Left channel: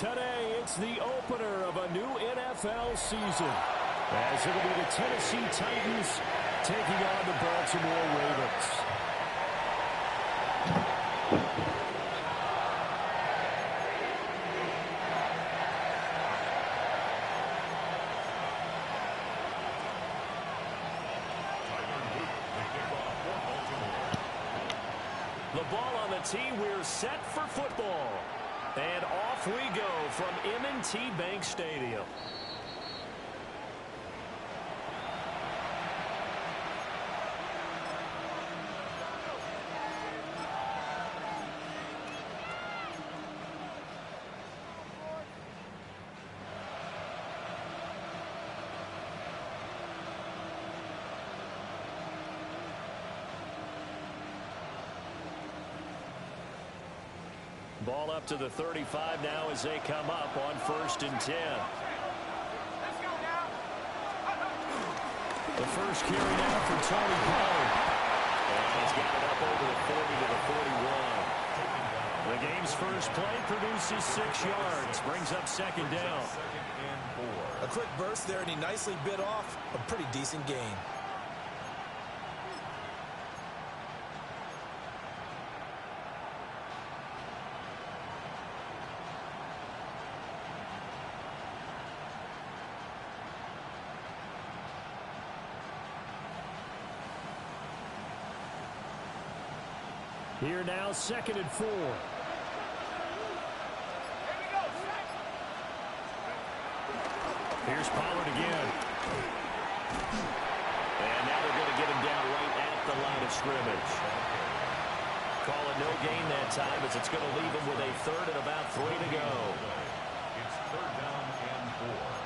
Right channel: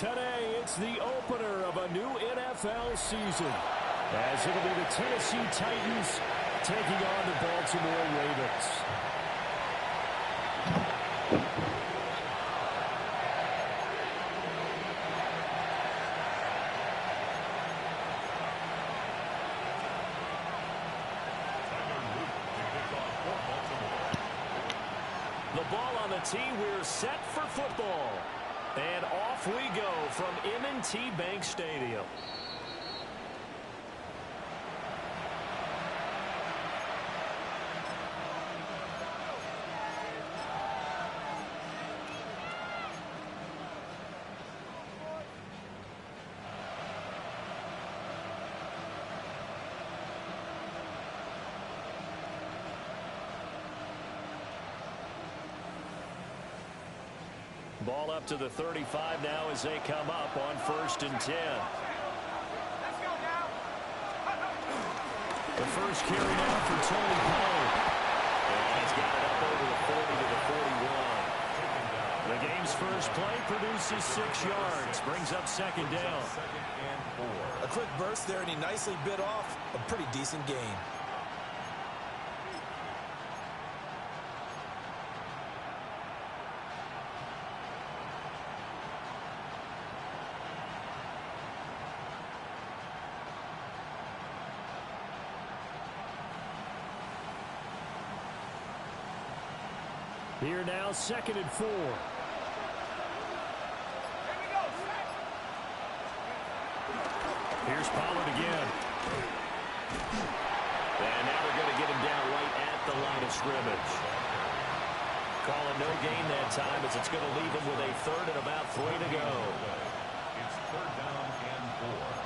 Today, it's the opener of a new NFL season, as it'll be the Tennessee Titans taking on the Baltimore Ravens. The ball on the tee, we're set for football. And off we go from M&T Bank Stadium. Ball up to the 35 now as they come up on 1st and 10. Let's go now. The first carry now for Tony Pollard. And he's got it up over the 40 to the 41. The game's first play produces 6 yards. Brings up 2nd down. A quick burst there, and he nicely bit off a pretty decent gain. Here now, 2nd and 4. Here's Pollard again. And now they're going to get him down right at the line of scrimmage. Call it no gain that time, as it's going to leave him with a 3rd and about 3 to go. It's 3rd down and 4.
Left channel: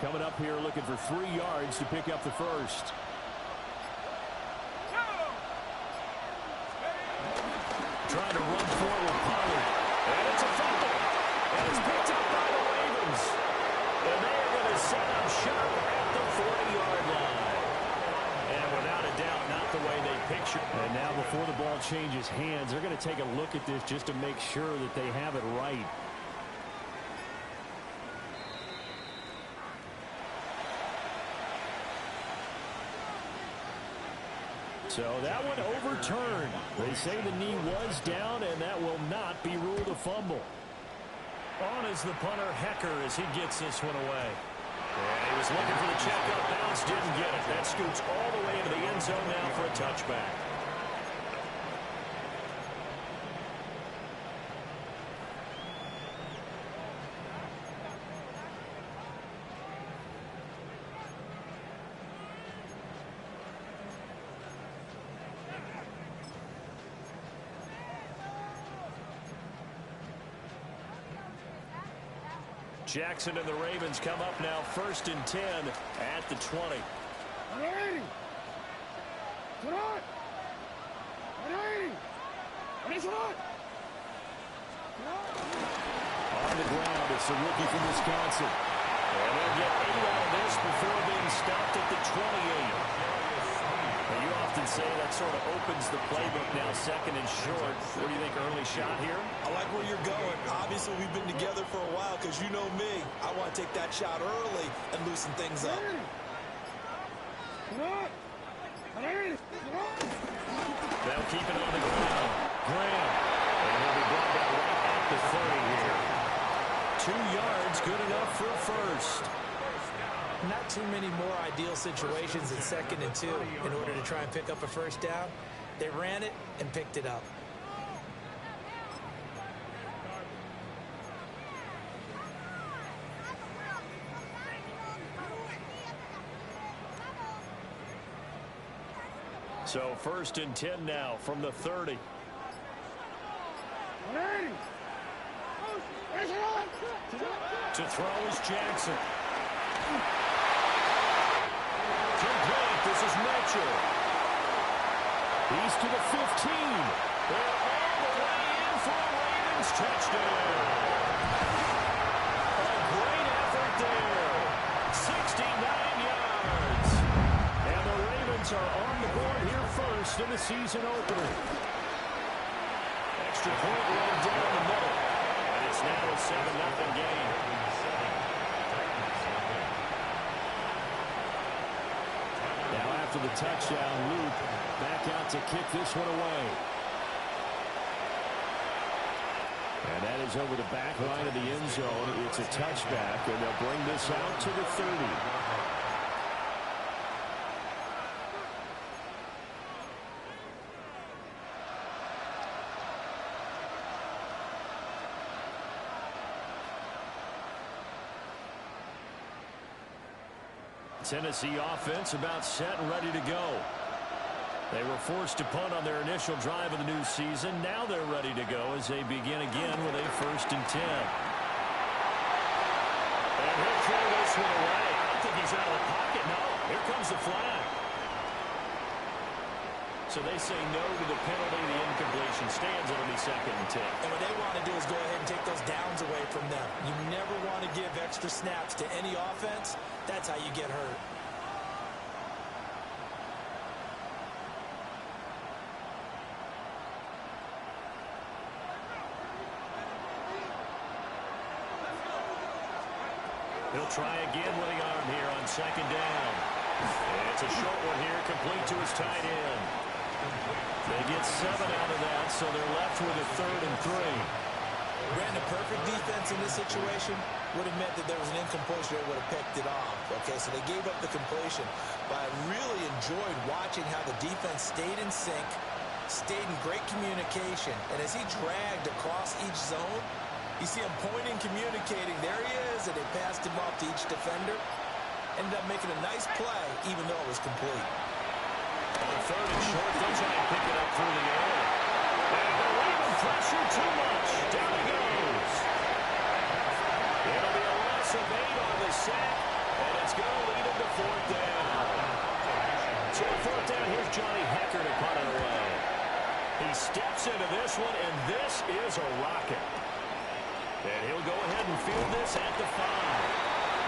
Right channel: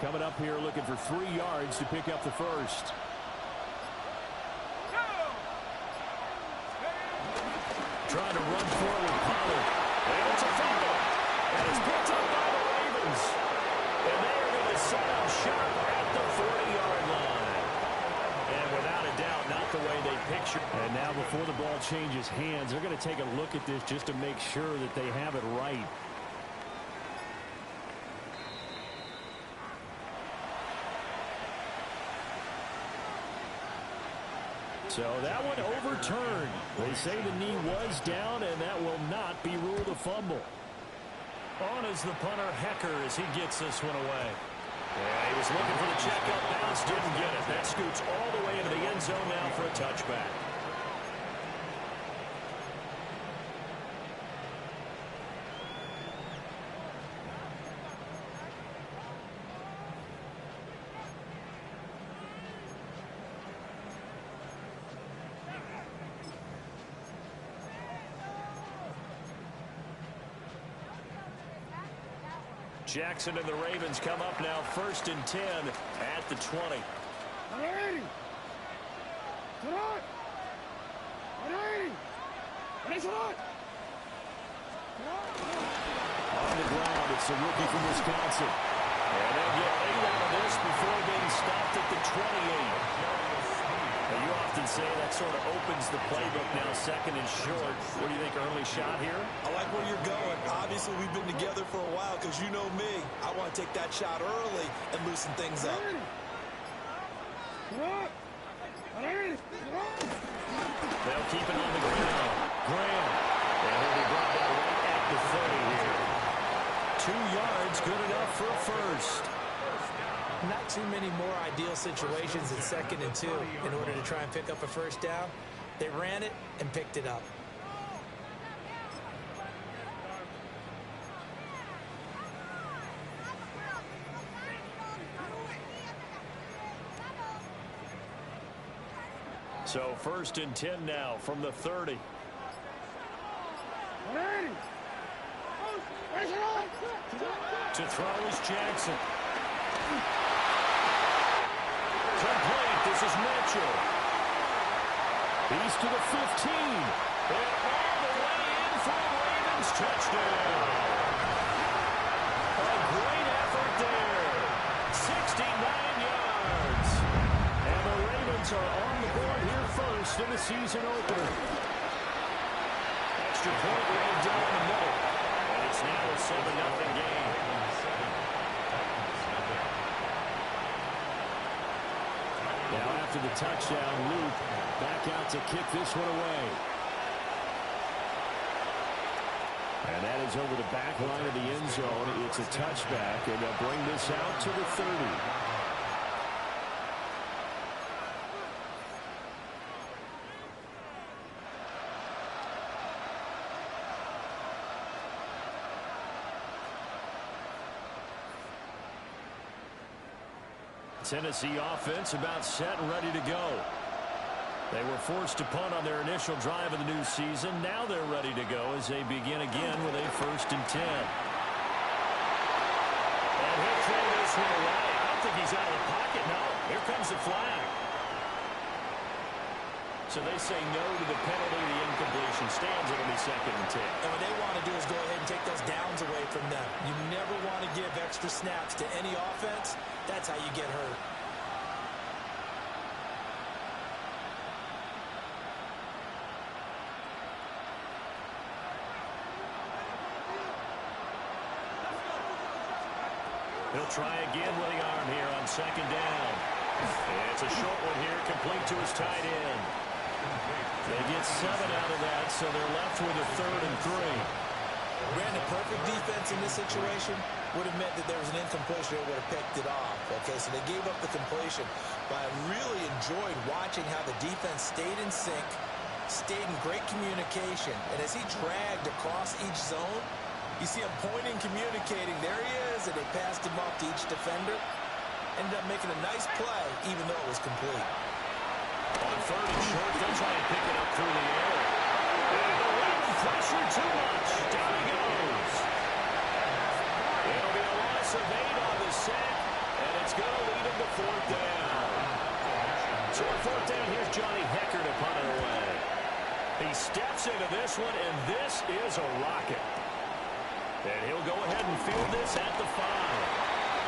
Coming up here looking for 3 yards to pick up the first. Trying to run forward, Pollard. And it's a fumble. And it's picked up by the Ravens. And they are going to set up shop at the 40-yard line. And without a doubt, not the way they picture. And now before the ball changes hands, they're going to take a look at this just to make sure that they have it right. So that one overturned. They say the knee was down, and that will not be ruled a fumble. On is the punter, Hecker, as he gets this one away. And he was looking for the checkup bounce, didn't get it. That scoots all the way into the end zone now for a touchback. Jackson and the Ravens come up now 1st and 10 at the 20. On the ground, it's the rookie from Wisconsin. And they'll get 8 out of this before being stopped at the 28. Now, you often say that sort of opens the playbook now, 2nd and short. What do you think, early shot here? I like where you're going. Obviously, we've been together for a while because you know me. I want to take that shot early and loosen things up. They'll keep it on the ground. Graham. And he'll be brought down right at the 30 here. 2 yards, good enough for a first. Not too many more ideal situations in 2nd and 2 in order to try and pick up a first down. They ran it and picked it up. So 1st and 10 now from the 30. To throw is Jackson. Complete. This is Mitchell. He's to the 15. And all the way Ravens touchdown. A great effort there. 69 yards. And the Ravens are on the board here first in the season opener. Extra point right down the middle. And it's now a 7-0 game. Now after the touchdown, Luke back out to kick this one away. And that is over the back line of the end zone. It's a touchback, and they'll bring this out to the 30. Tennessee offense about set and ready to go. They were forced to punt on their initial drive of the new season. Now they're ready to go as they begin again with a 1st and 10. And he'll throw this one away. I don't think he's out of the pocket. No, here comes the flag. So they say no to the penalty. The incompletion stands. It'll be 2nd and 10. And what they want to do is go ahead and take those downs away from them. You never want to give extra snaps to any offense. That's how you get hurt. He'll try again with the arm here on 2nd down. It's a short one here, complete to his tight end. They get 7 out of that, so they're left with a 3rd and 3. Brandon, perfect defense in this situation would have meant that there was an incompletion. They would have picked it off. Okay, so they gave up the completion. But I really enjoyed watching how the defense stayed in sync, stayed in great communication. And as he dragged across each zone, you see him pointing, communicating. There he is, and they passed him off to each defender. Ended up making a nice play, even though it was complete. On 3rd and short, they'll try and pick it up through the air. And the Raven pressure too much. Down he goes. It'll be a loss of 8 on the sack, and it's going to lead him to 4th down. So on 4th down, here's Johnny Hekker to punt it away. He steps into this one, and this is a rocket. And he'll go ahead and field this at the 5.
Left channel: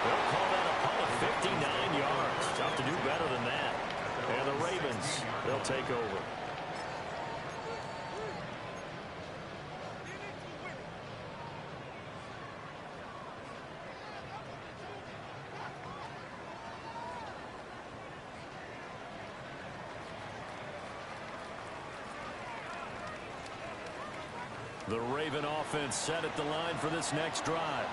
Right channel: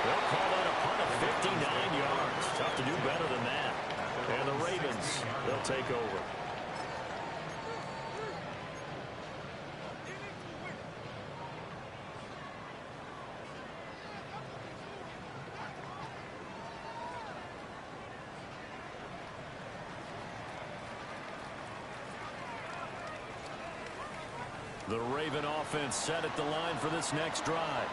They'll call that a punt of 59 yards. Tough to do better than that. And the Ravens, they'll take over. The Raven offense set at the line for this next drive.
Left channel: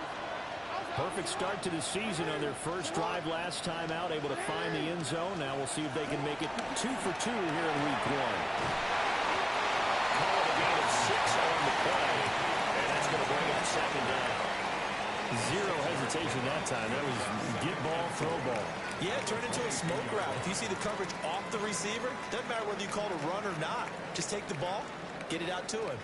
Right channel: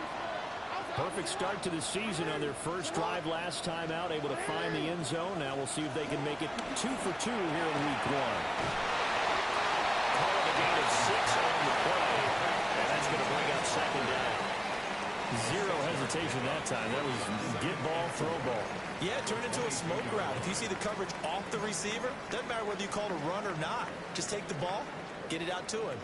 Perfect start to the season on their first drive last time out, able to find the end zone. Now we'll see if they can make it 2 for 2 here in week 1. Call it a gain of 6 on the play, and that's going to bring up 2nd down. Zero hesitation that time. That was get ball, throw ball. Yeah, it turned into a smoke route. If you see the coverage off the receiver, doesn't matter whether you call it a run or not. Just take the ball, get it out to him.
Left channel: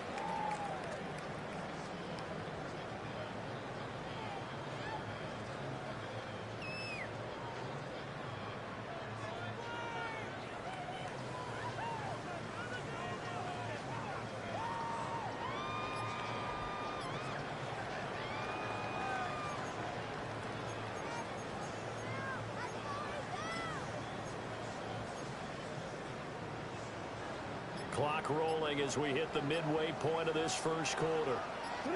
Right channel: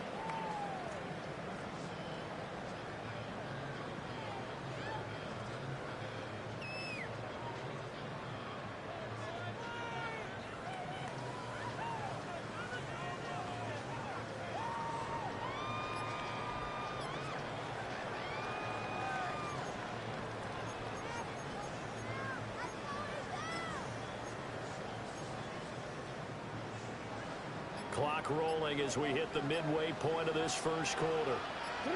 Clock rolling as we hit the midway point of this first quarter. On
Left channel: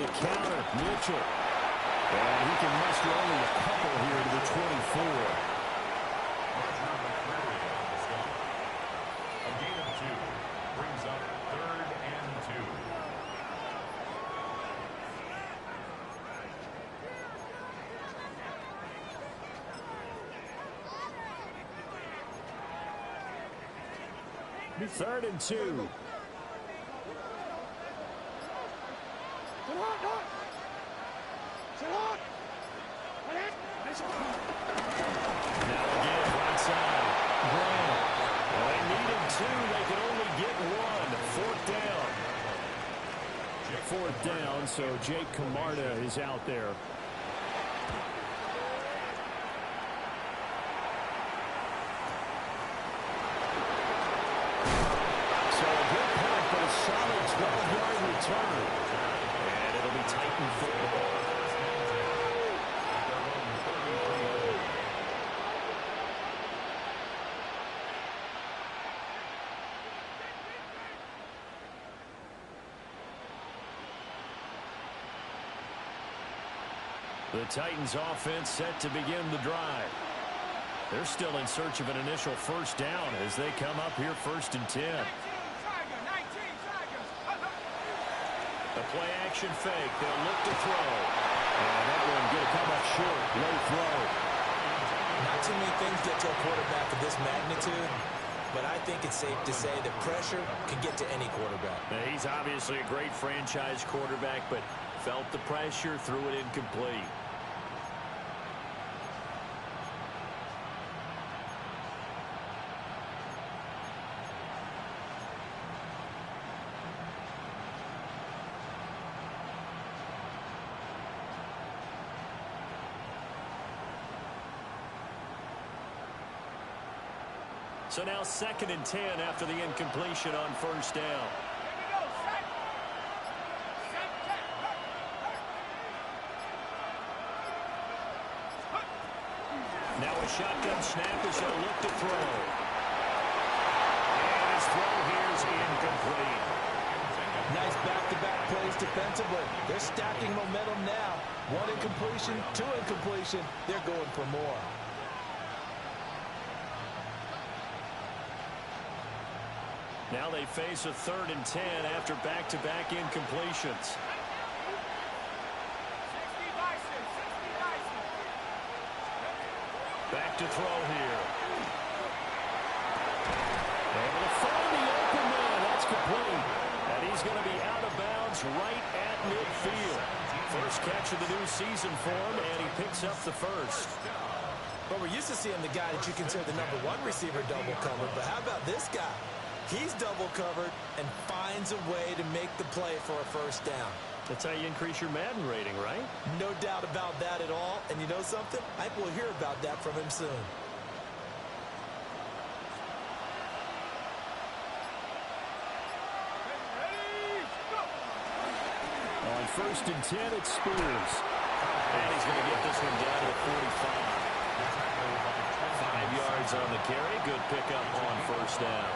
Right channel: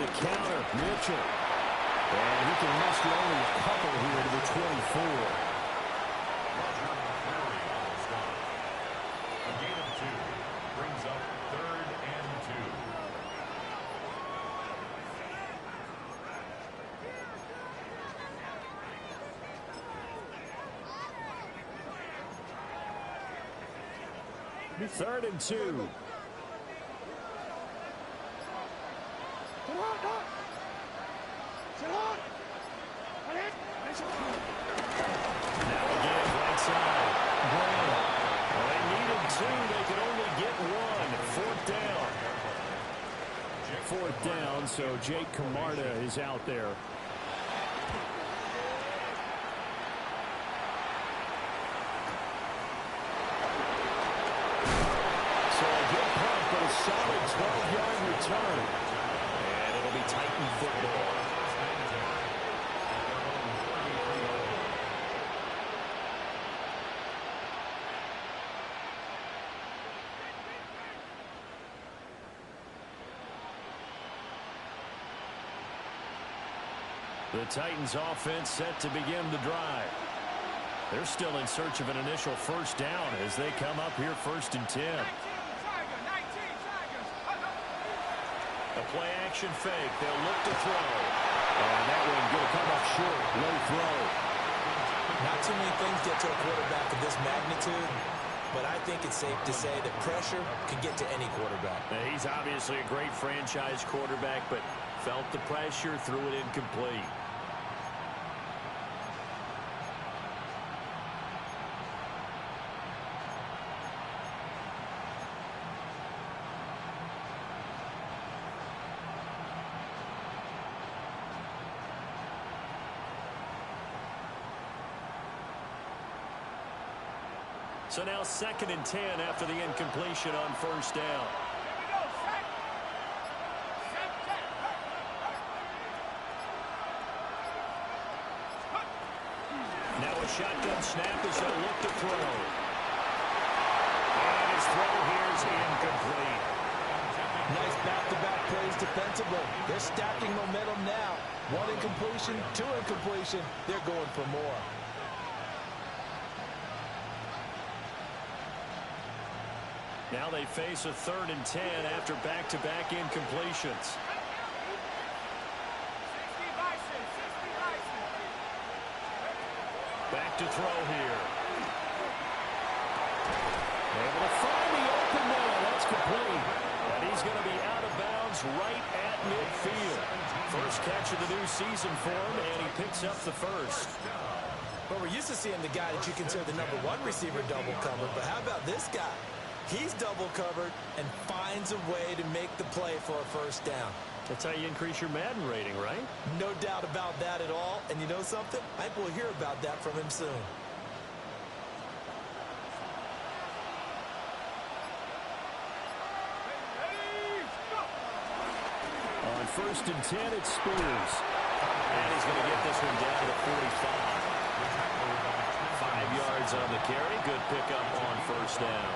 the counter, Mitchell. And he can muster only a couple here to the 24. Roger McCreary on the stop. A gain of 2 brings up 3rd and 2. Third and 2. Now again, right side. Graham. Well, they needed 2. They could only get 1. 4th down. 4th down, so Jake Camarda is out there. So a good punt, but a solid 12-yard return. And it'll be Titan football. The Titans offense set to begin the drive. They're still in search of an initial first down as they come up here 1st and 10. A play action fake. They'll look to throw. And that one going to come up short. Low throw. Not too many things get to a quarterback of this magnitude, but I think it's safe to say that pressure can get to any quarterback. Now, he's obviously a great franchise quarterback, but felt the pressure, threw it incomplete. So now 2nd and 10 after the incompletion on first down. Now a shotgun snap as they'll look to throw. And his throw here is incomplete. Nice back-to-back plays defensively. They're stacking momentum now. 1 incompletion, 2 incompletion. They're going for more. Now they face a 3rd and 10 after back-to-back incompletions. Back to throw here. Able to find the open man. That's complete. And he's going to be out of bounds right at midfield. First catch of the new season for him, and he picks up the first. But we're used to seeing the guy that you consider the #1 receiver double covered. But how about this guy? He's double covered and finds a way to make the play for a first down. That's how you increase your Madden rating, right? No doubt about that at all. And you know something? I think we'll hear about that from him soon. On 1st and 10, it's Spears. And he's going to get this one down to the 45. 5 yards on the carry. Good pickup on first down.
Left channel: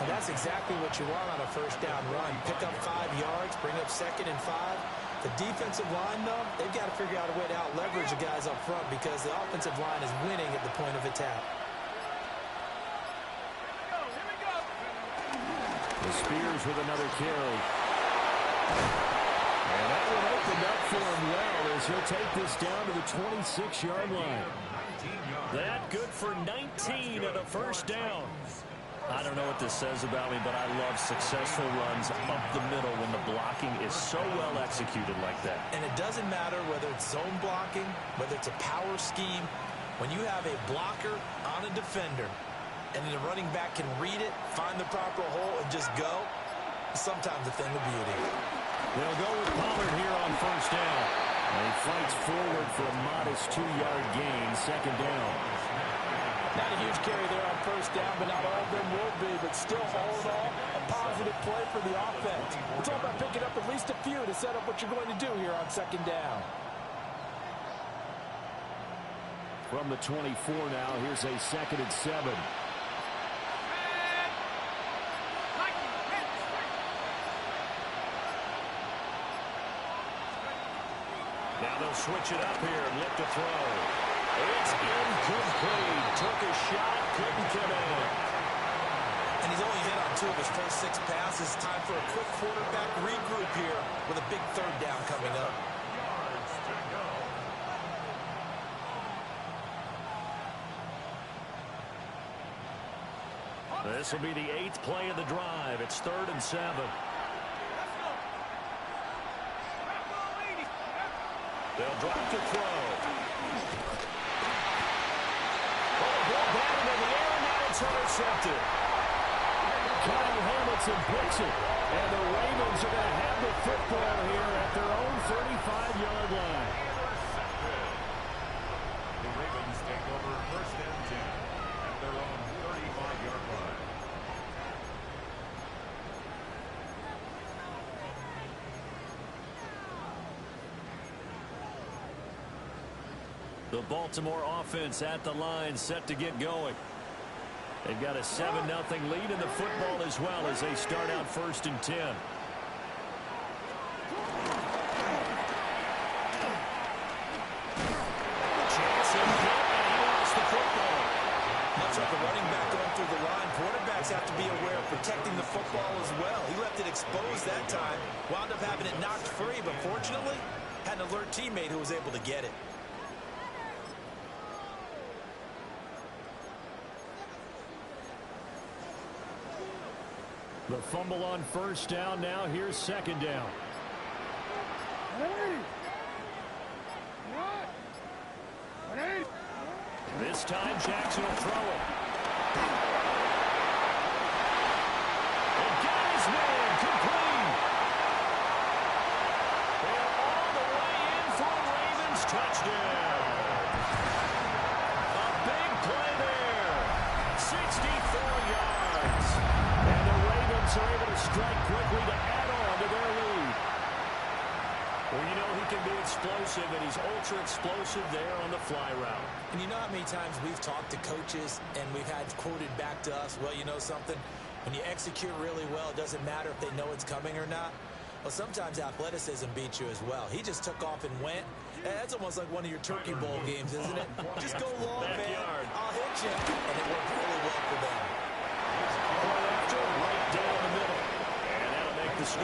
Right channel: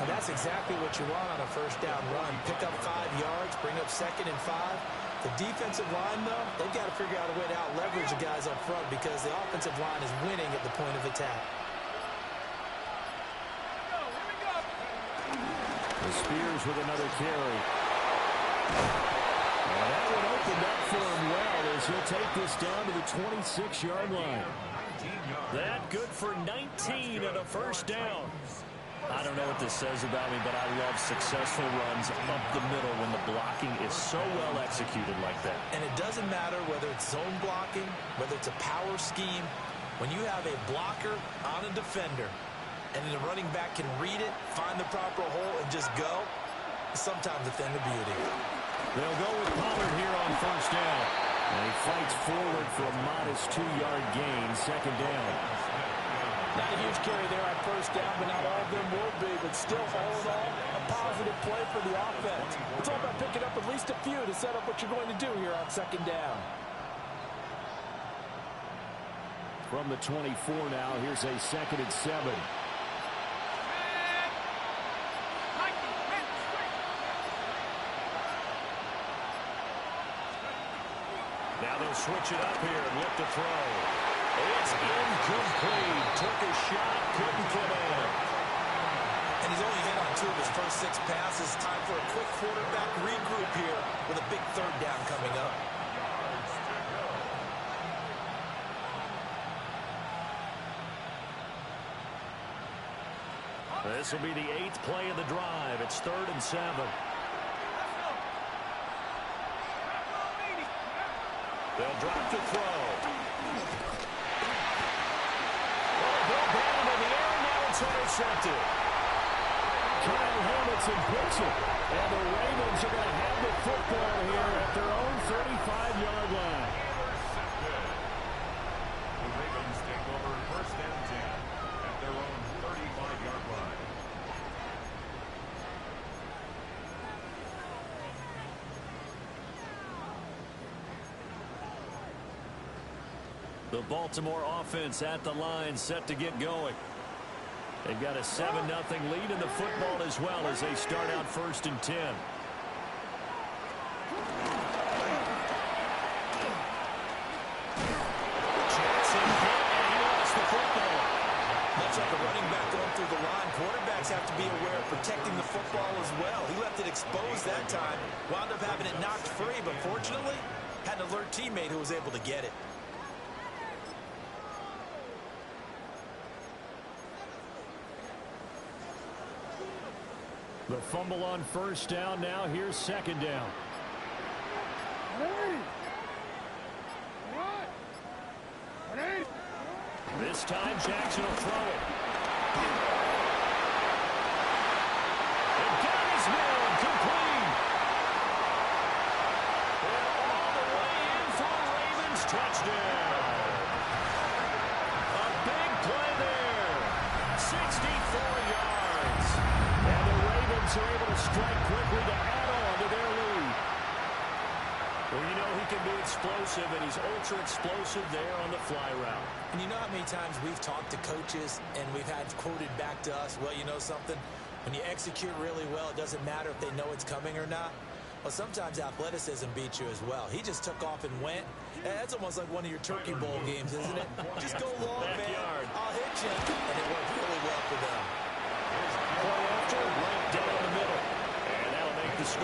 And that's exactly what you want on a first down run. Pick up 5 yards, bring up 2nd and 5. The defensive line, though, they've got to figure out a way to out-leverage the guys up front because the offensive line is winning at the point of attack. The Spears with another carry. And that one opened up for him well as he'll take this down to the 26-yard line. That good for 19 and a first down. I don't know what this says about me, but I love successful runs up the middle when the blocking is so well executed like that. And it doesn't matter whether it's zone blocking, whether it's a power scheme. When you have a blocker on a defender and the running back can read it, find the proper hole, and just go, it's sometimes a thing of beauty. They'll go with Pollard here on first down. And he fights forward for a modest 2-yard gain, 2nd down. Not a huge carry there on first down, but not all of them will be. But still, all in all, a positive play for the offense. It's all about picking up at least a few to set up what you're going to do here on 2nd down. From the 24 now, here's a 2nd and 7. Now they'll switch it up here and look to throw. It's incomplete. Took a shot, couldn't come in. And he's only hit on 2 of his first 6 passes. Time for a quick quarterback regroup here with a big 3rd down coming up. This will be the 8th play of the drive. It's 3rd and 7. They'll drop to throw. Ball batted in the air, and now it's intercepted. Kyle Hamilton picks it, and the Ravens are going to have the football here at their own 35-yard line. Intercepted. The Ravens take over 1st and 10 at their own 35-yard line. The Baltimore offense at the line, set to get going. They've got a 7-0 lead in the football as well as they start out 1st and 10. Jackson hit, and he lost the football. Much like a running back going through the line, quarterbacks have to be aware of protecting the football as well. He left it exposed that time, wound up having it knocked free, but fortunately, had an alert teammate who was able to get it. The fumble on 1st down. Now here's 2nd down. This time Jackson will throw it. And got his man complete. And all the way in for a Ravens touchdown. A big play there. 64 yards. And the Ravens are able to strike quickly to add on to their lead. Well, you know he can be explosive, and he's ultra explosive there on the fly route. And you know how many times we've talked to coaches and we've had quoted back to us, well, you know something? When you execute really well, it doesn't matter if they know it's coming or not. Well, sometimes athleticism beats you as well. He just took off and went. That's almost like one of your Turkey Bowl games, isn't it? Just go long, man. I'll hit you. And it worked really well for them. Point after, right down the middle. And that'll make the score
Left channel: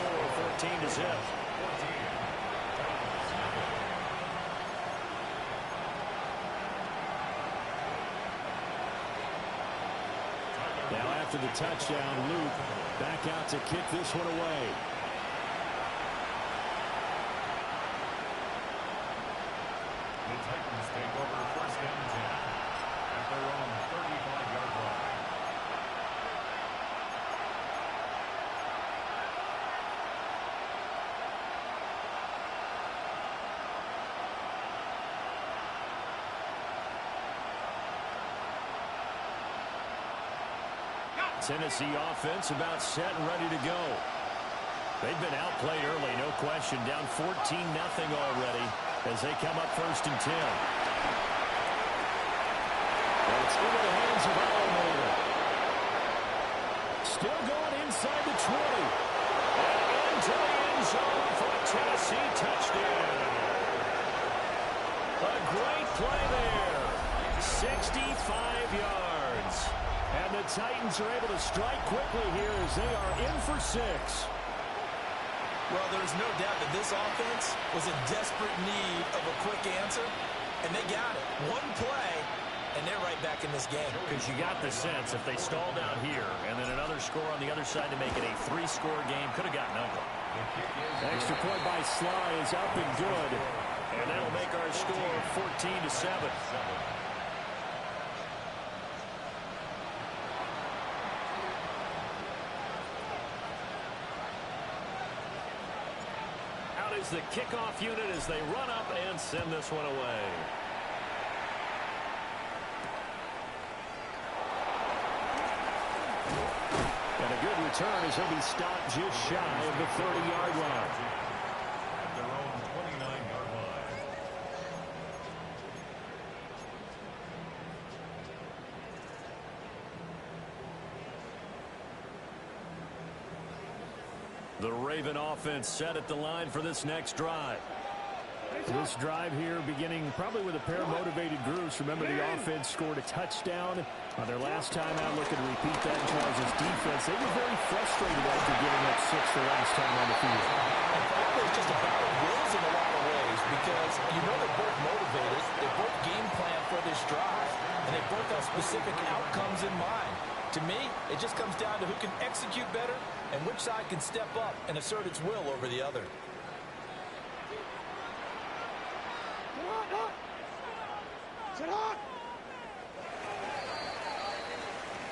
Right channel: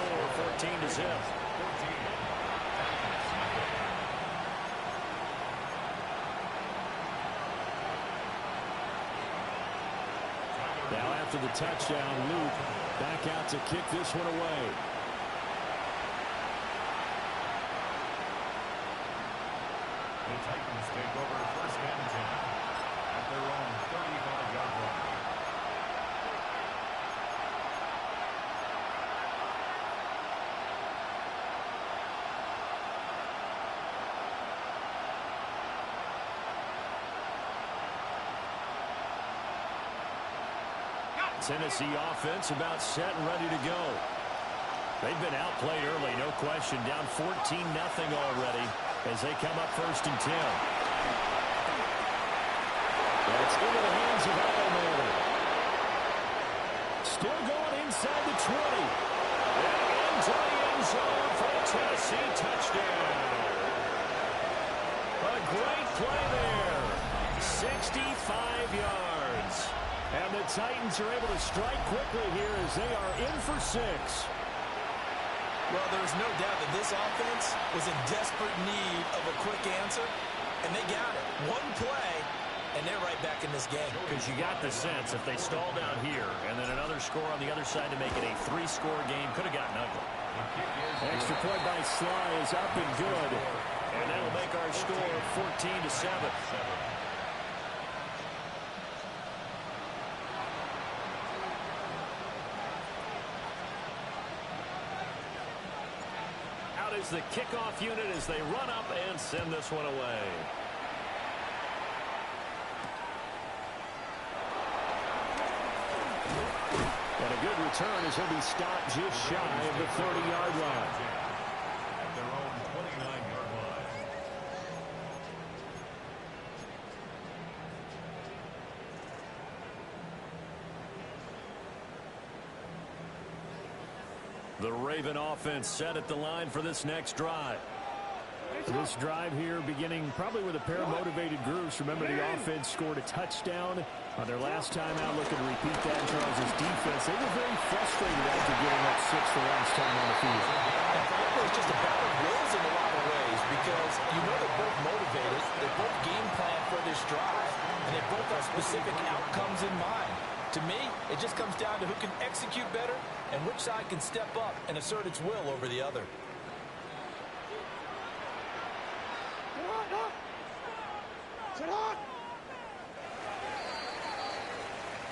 14-0. Now after the touchdown, Luke back out to kick this one away. The Titans take over 1st and 10 at their own 35-yard line. Tennessee offense about set and ready to go. They've been outplayed early, no question. Down 14-0 already as they come up 1st and 10. Well, it's into the hands of Allen. Still going inside the 20. And into the end zone for a Tennessee touchdown. A great play there. 65 yards. And the Titans are able to strike quickly here as they are in for 6. Well, there's no doubt that this offense was in desperate need of a quick answer, and they got it. One play, and they're right back in this game. Because you got the sense if they stalled out here and then another score on the other side to make it a 3-score game, could have gotten ugly. Extra point by Sly is up and good. And that'll make our score 14-7. Out is the kickoff unit as they run up and send this one away. And a good return as he'll be stopped just shy of the 30-yard line. At their own 29-yard line. The Raven offense set at the line for this next drive. This drive here beginning probably with a pair of motivated groups. Remember, the offense scored a touchdown on their last time out. Looking to repeat that in Charles' defense. They were very frustrated after giving up 6 the last time on the field. And frankly, it's just a battle of wills in a lot of ways because you know they're both motivated. They both game plan for this drive, and they both have specific outcomes in mind. To me, it just comes down to who can execute better and which side can step up and assert its will over the other.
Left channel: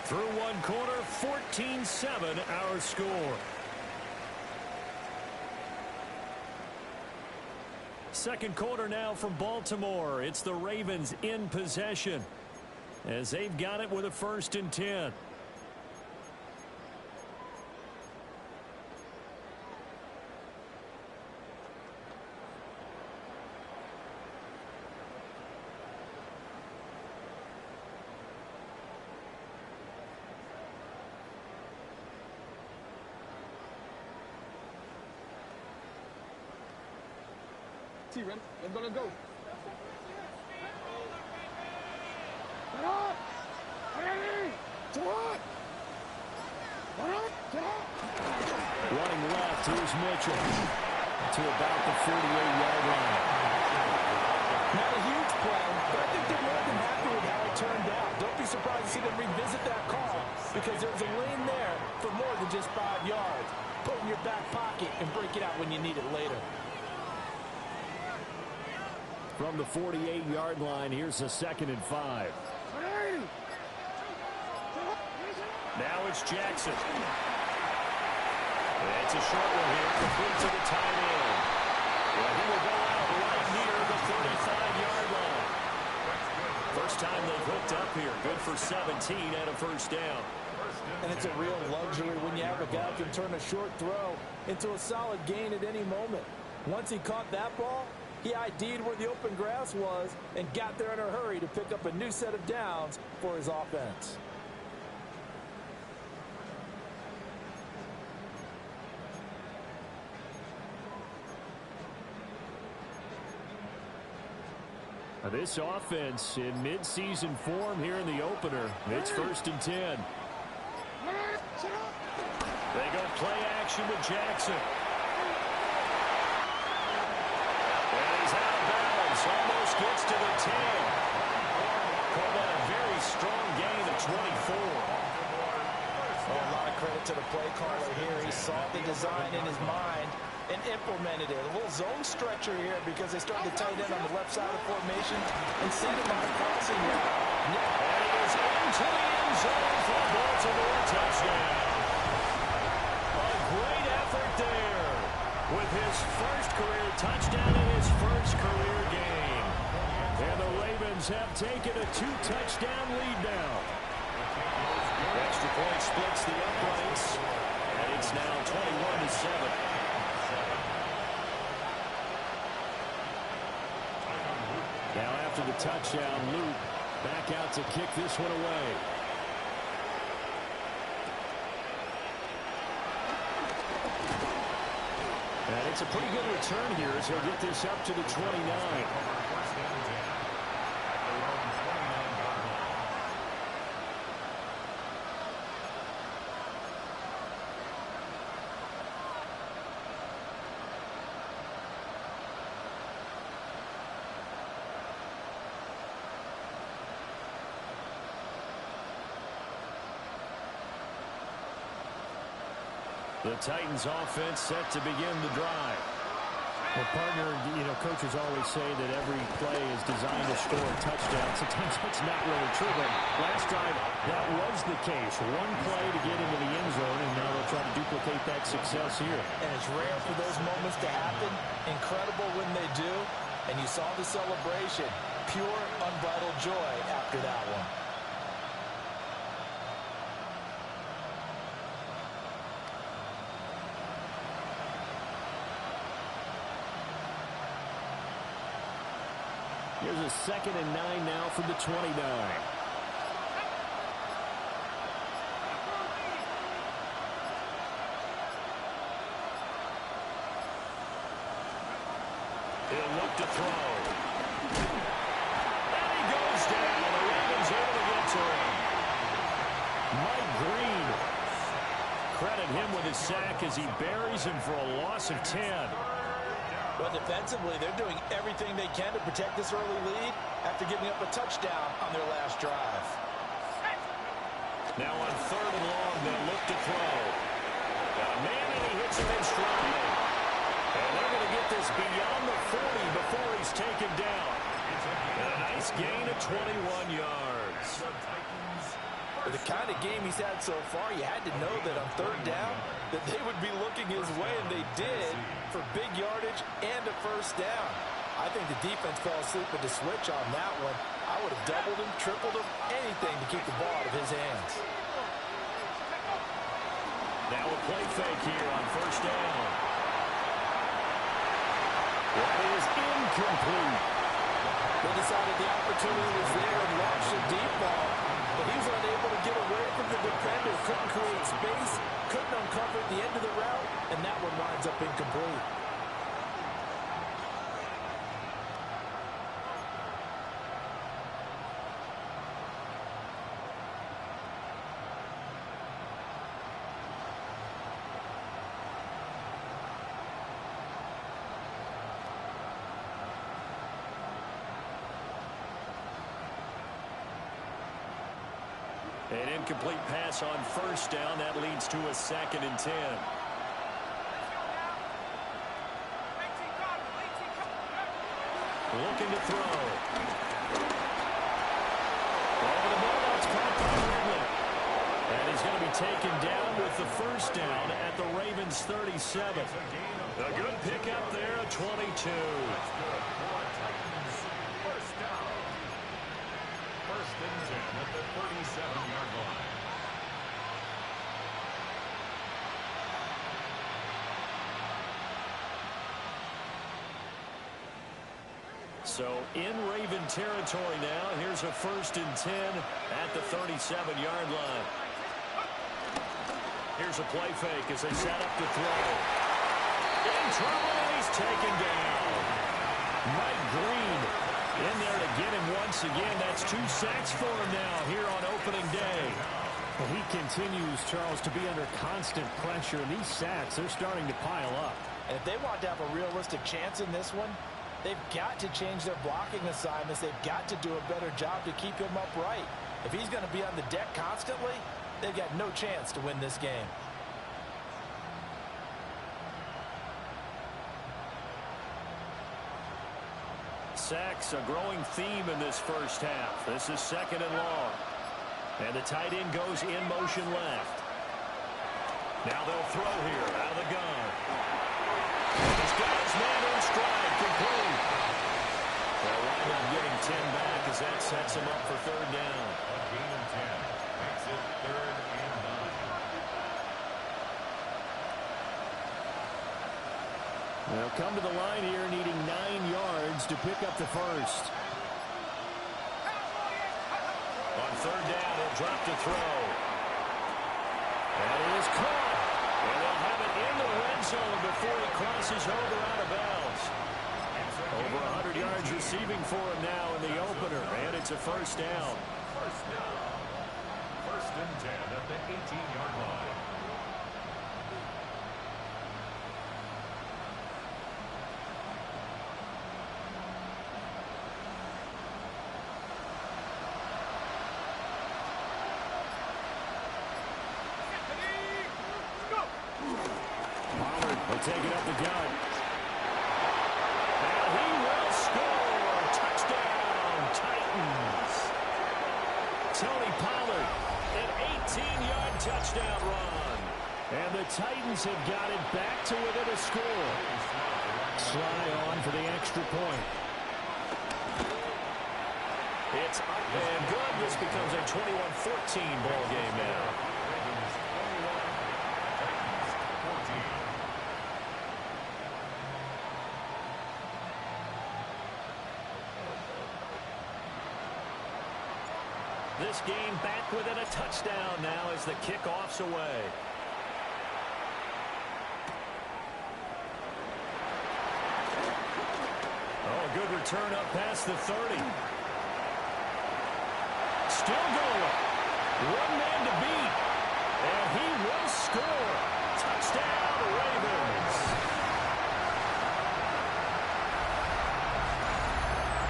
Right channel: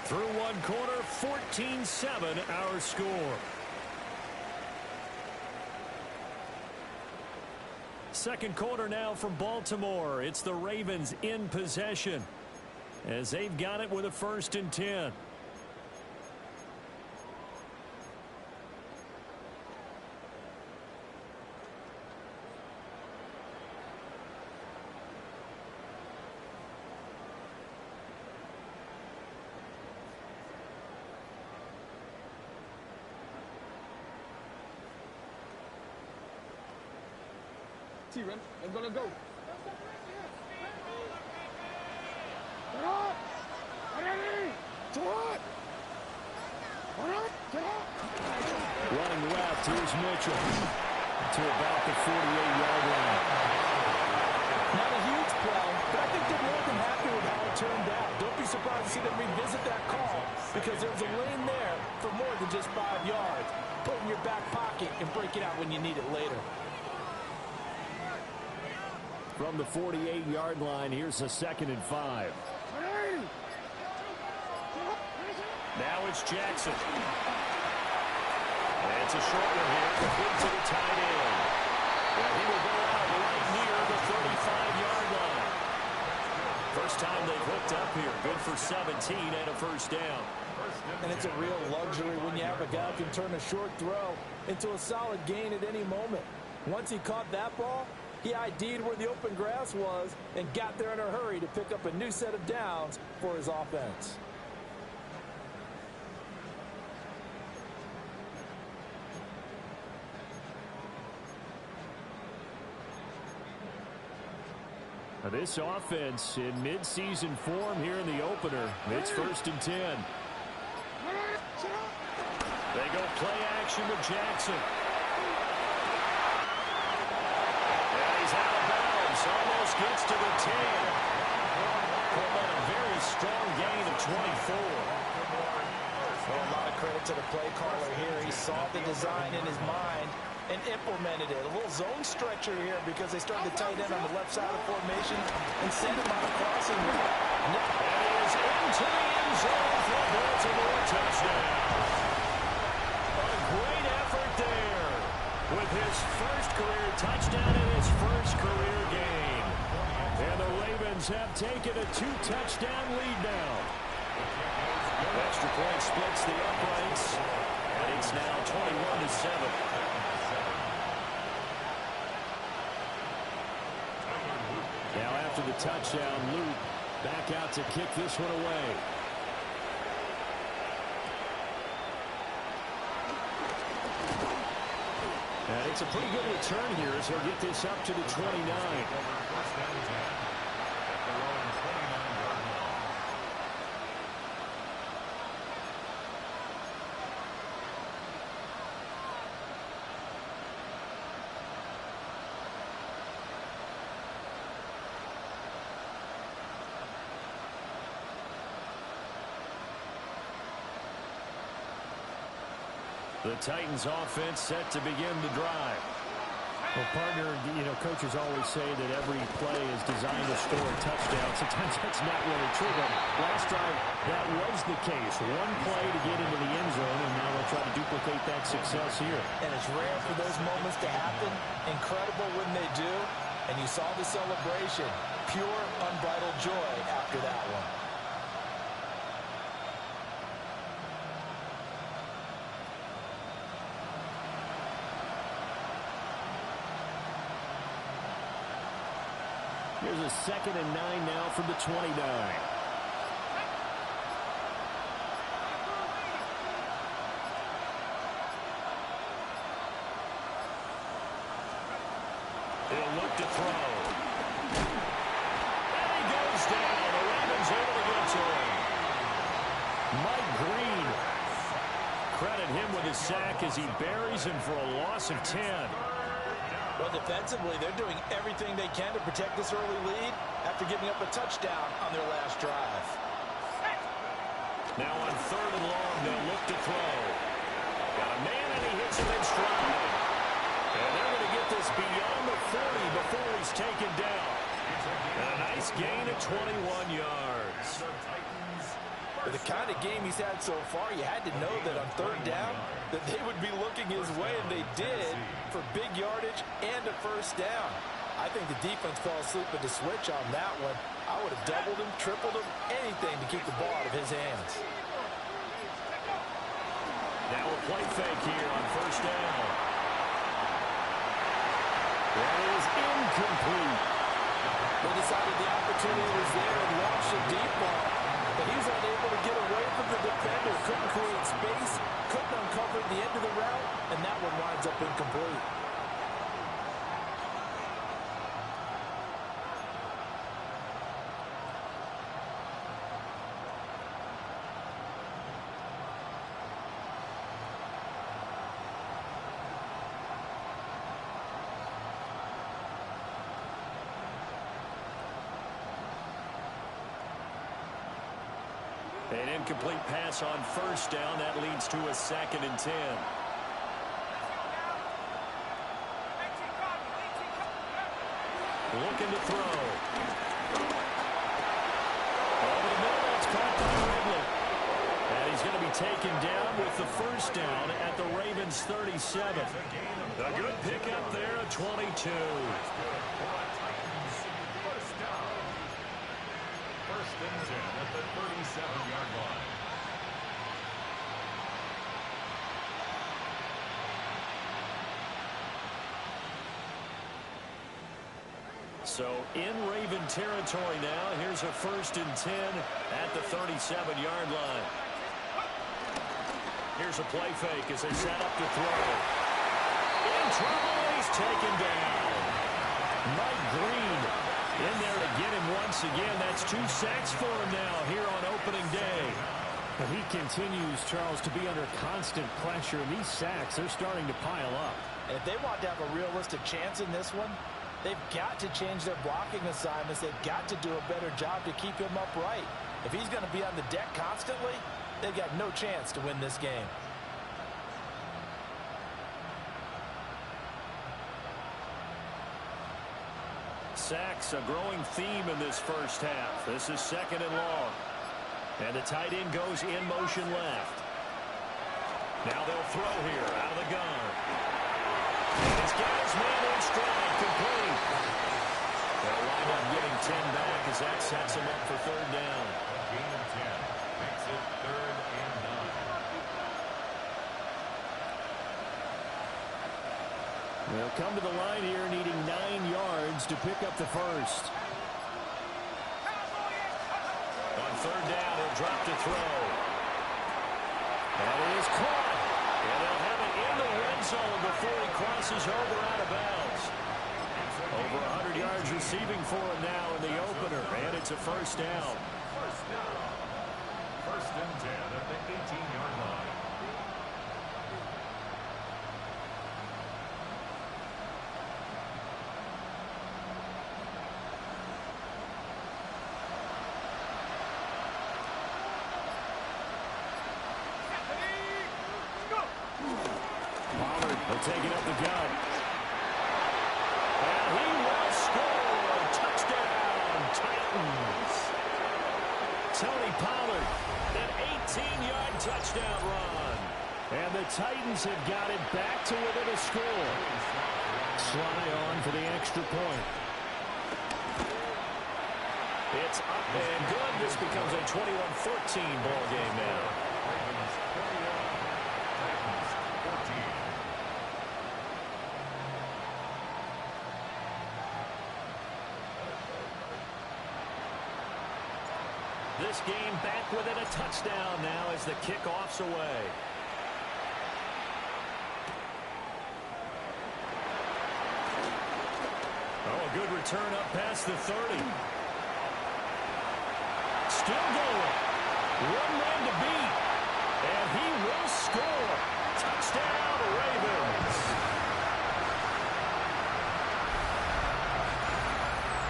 Through one quarter, 14-7 our score. Second quarter now from Baltimore. It's the Ravens in possession as they've got it with a 1st and 10. T-Ren, let's go, let's go. Get up! Ready! To what? Get up! Running left, here's Mitchell to about the 48-yard line. Not a huge play, but I think they're more than happy with how it turned out. Don't be surprised to see them revisit that call because there's a lane there for more than just 5 yards. Put it in your back pocket and break it out when you need it later. From the 48-yard line, here's a 2nd and 5. Now it's Jackson. It's a short one here, complete to the tight end. And he will go out right near the 35-yard line. First time they've hooked up here. Good for 17 and a first down. And it's a real luxury when you have a guy who can turn a short throw into a solid gain at any moment. Once he caught that ball, he ID'd where the open grass was and got there in a hurry to pick up a new set of downs for his offense. This offense in midseason form here in the opener. It's 1st and 10. They go play action with Jackson. And he's out of bounds. Almost gets to the 10. Called that a very strong gain of 24. Well, a lot of credit to the play caller here. He saw the design in his mind and implemented it. A little zone stretcher here because they started to tight end on the left side of the formation and sent him on a crossing route. And he is into the end zone for a Baltimore touchdown. A great effort there with his first career touchdown in his first career game. And the Ravens have taken a 2-touchdown lead now. Extra point splits the uprights, and it's now 21-7. Now after the touchdown, Luke back out to kick this one away. And it's a pretty good return here as he'll get this up to the 29. The Titans offense set to begin the drive. Well, partner, you know, coaches always say that every play is designed to score a touchdown. Sometimes that's not really true, but last drive, that was the case. One play to get into the end zone, and now they'll try to duplicate that success here. And it's rare for those moments to happen. Incredible when they do. And you saw the celebration. Pure, unbridled joy after that one. Here's a 2nd and 9 now from the 29. He'll look to throw. And he goes down. The Ravens able to get to him. Mike Green. Credit him with his sack as he buries him for a loss of 10. But defensively, they're doing everything they can to protect this early lead after giving up a touchdown on their last drive. Now on 3rd and long, they'll look to throw. Got a man, and he hits him in stride. And they're going to get this beyond the 40 before he's taken down. And a nice gain of 21 yards. With the kind of game he's had so far, you had to know that on 3rd down that they would be looking his way, and they did, for big yardage and a first down. I think the defense fell asleep at the switch on that one. I would have doubled him, tripled him, anything to keep the ball out of his hands. Now a play fake here on 1st down. That is incomplete. They decided the opportunity was there and launched a deep ball, but he was unable to get away from the defender. Couldn't create space, couldn't uncover the end of the route, and that one winds up incomplete. An incomplete pass on first down. That leads to a 2nd and 10. Looking to throw. Over the middle, that's caught by Ridley. And he's going to be taken down with the first down at the Ravens' 37. A good pickup there, a 22. That's good for a Titans first down. 1st and 10 at the 37-yard line. So in Raven territory now. Here's a 1st and 10 at the 37-yard line. Here's a play fake as they set up to throw. In trouble, and he's taken down. Mike Green in there to get him once again. That's 2 sacks for him now here on opening day. Well, he continues, Charles, to be under constant pressure, and these sacks, they're starting to pile up. And if they want to have a realistic chance in this one, they've got to change their blocking assignments. They've got to do a better job to keep him upright. If he's going to be on the deck constantly, they've got no chance to win this game. Sacks, a growing theme in this first half. This is 2nd and long. And the tight end goes in motion left. Now they'll throw here out of the gun. And he's got his man in stride, complete. They'll wind up getting 10 back as that sets him up for 3rd down. A gain of 10 makes it 3rd and 9. They'll come to the line here needing 9 yards to pick up the first. On 3rd down, he'll drop to throw. That is caught. And they'll have it in the red zone before he crosses over out of bounds. Over 100 yards receiving for him now in the opener. And it's a 1st down. First down. 1st and 10 at the 18-yard line. Taking up the gun. And he will score. Touchdown, Titans. Tony Pollard, an 18-yard touchdown run. And the Titans have got it back to within a score. Sly on for the extra point. It's up and good. This becomes a 21-14 ball game now. Ravens 21, Titans 14. This game back within a touchdown now as the kickoff's away. Oh, a good return up past the 30. Still going. One man to beat. And he will score. Touchdown, Ravens.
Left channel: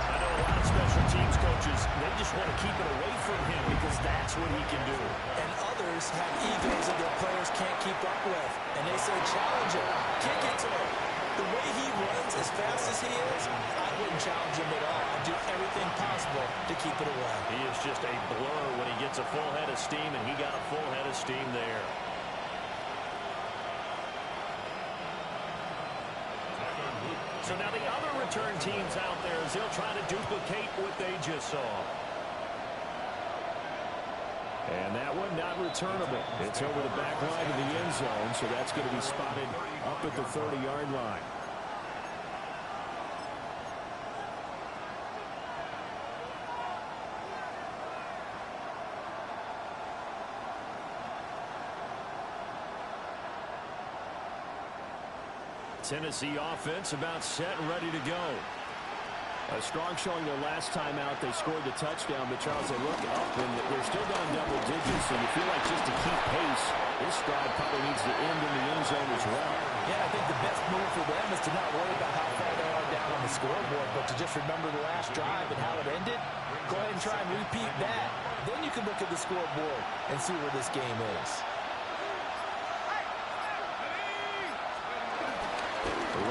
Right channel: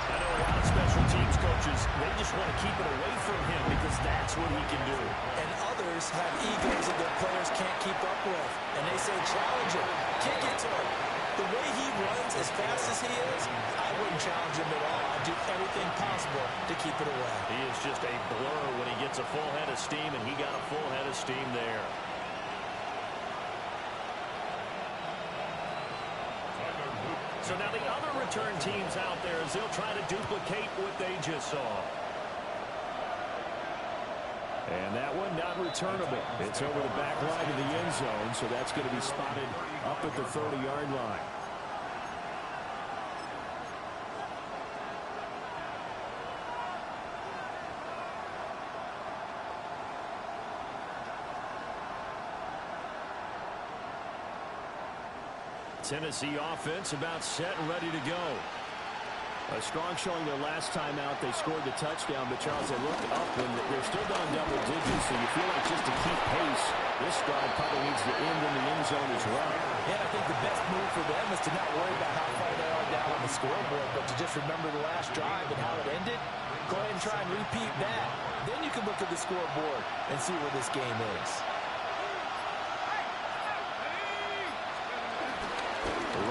I know a lot of special teams coaches, they just want to keep it away from him because that's what he can do. And others have egos that their players can't keep up with. And they say, challenge him. Kick it to him. The way he runs as fast as he is, I wouldn't challenge him at all. I'd do everything possible to keep it away. He is just a blur when he gets a full head of steam, and he got a full head of steam there. So now the other return teams out there as they'll try to duplicate what they just saw. And that one not returnable. It's over the back line of the end zone, so that's going to be spotted up at the 30-yard line. Tennessee offense about set and ready to go. A strong showing their last time out. They scored the touchdown, but Charles, they look up and they're still down double digits, so you feel like just to keep pace, this drive probably needs to end in the end zone as well. Yeah, I think the best move for them is to not worry about how far they are down on the scoreboard, but to just remember the last drive and how it ended. Go ahead and try and repeat that. Then you can look at the scoreboard and see where this game is.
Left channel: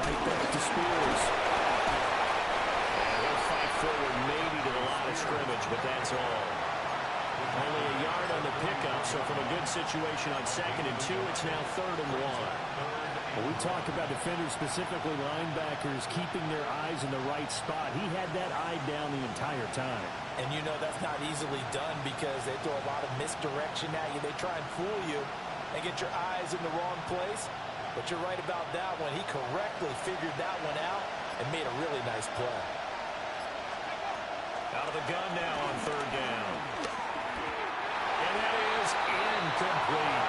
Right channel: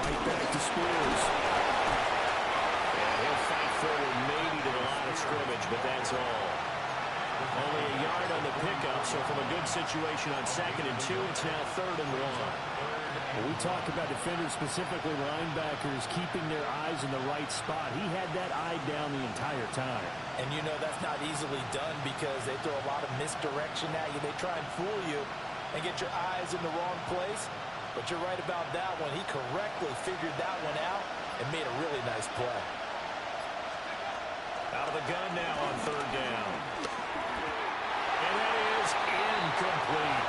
Right back to Spears. He'll fight forward maybe to the line of scrimmage, but that's all. Only a yard on the pickup, so from a good situation on 2nd and 2, it's now 3rd and 1. Well, we talk about defenders, specifically linebackers, keeping their eyes in the right spot. He had that eye down the entire time. And you know that's not easily done because they throw a lot of misdirection at you. They try and fool you and get your eyes in the wrong place. But you're right about that one. He correctly figured that one out and made a really nice play. Out of the gun now on 3rd down. And that is incomplete.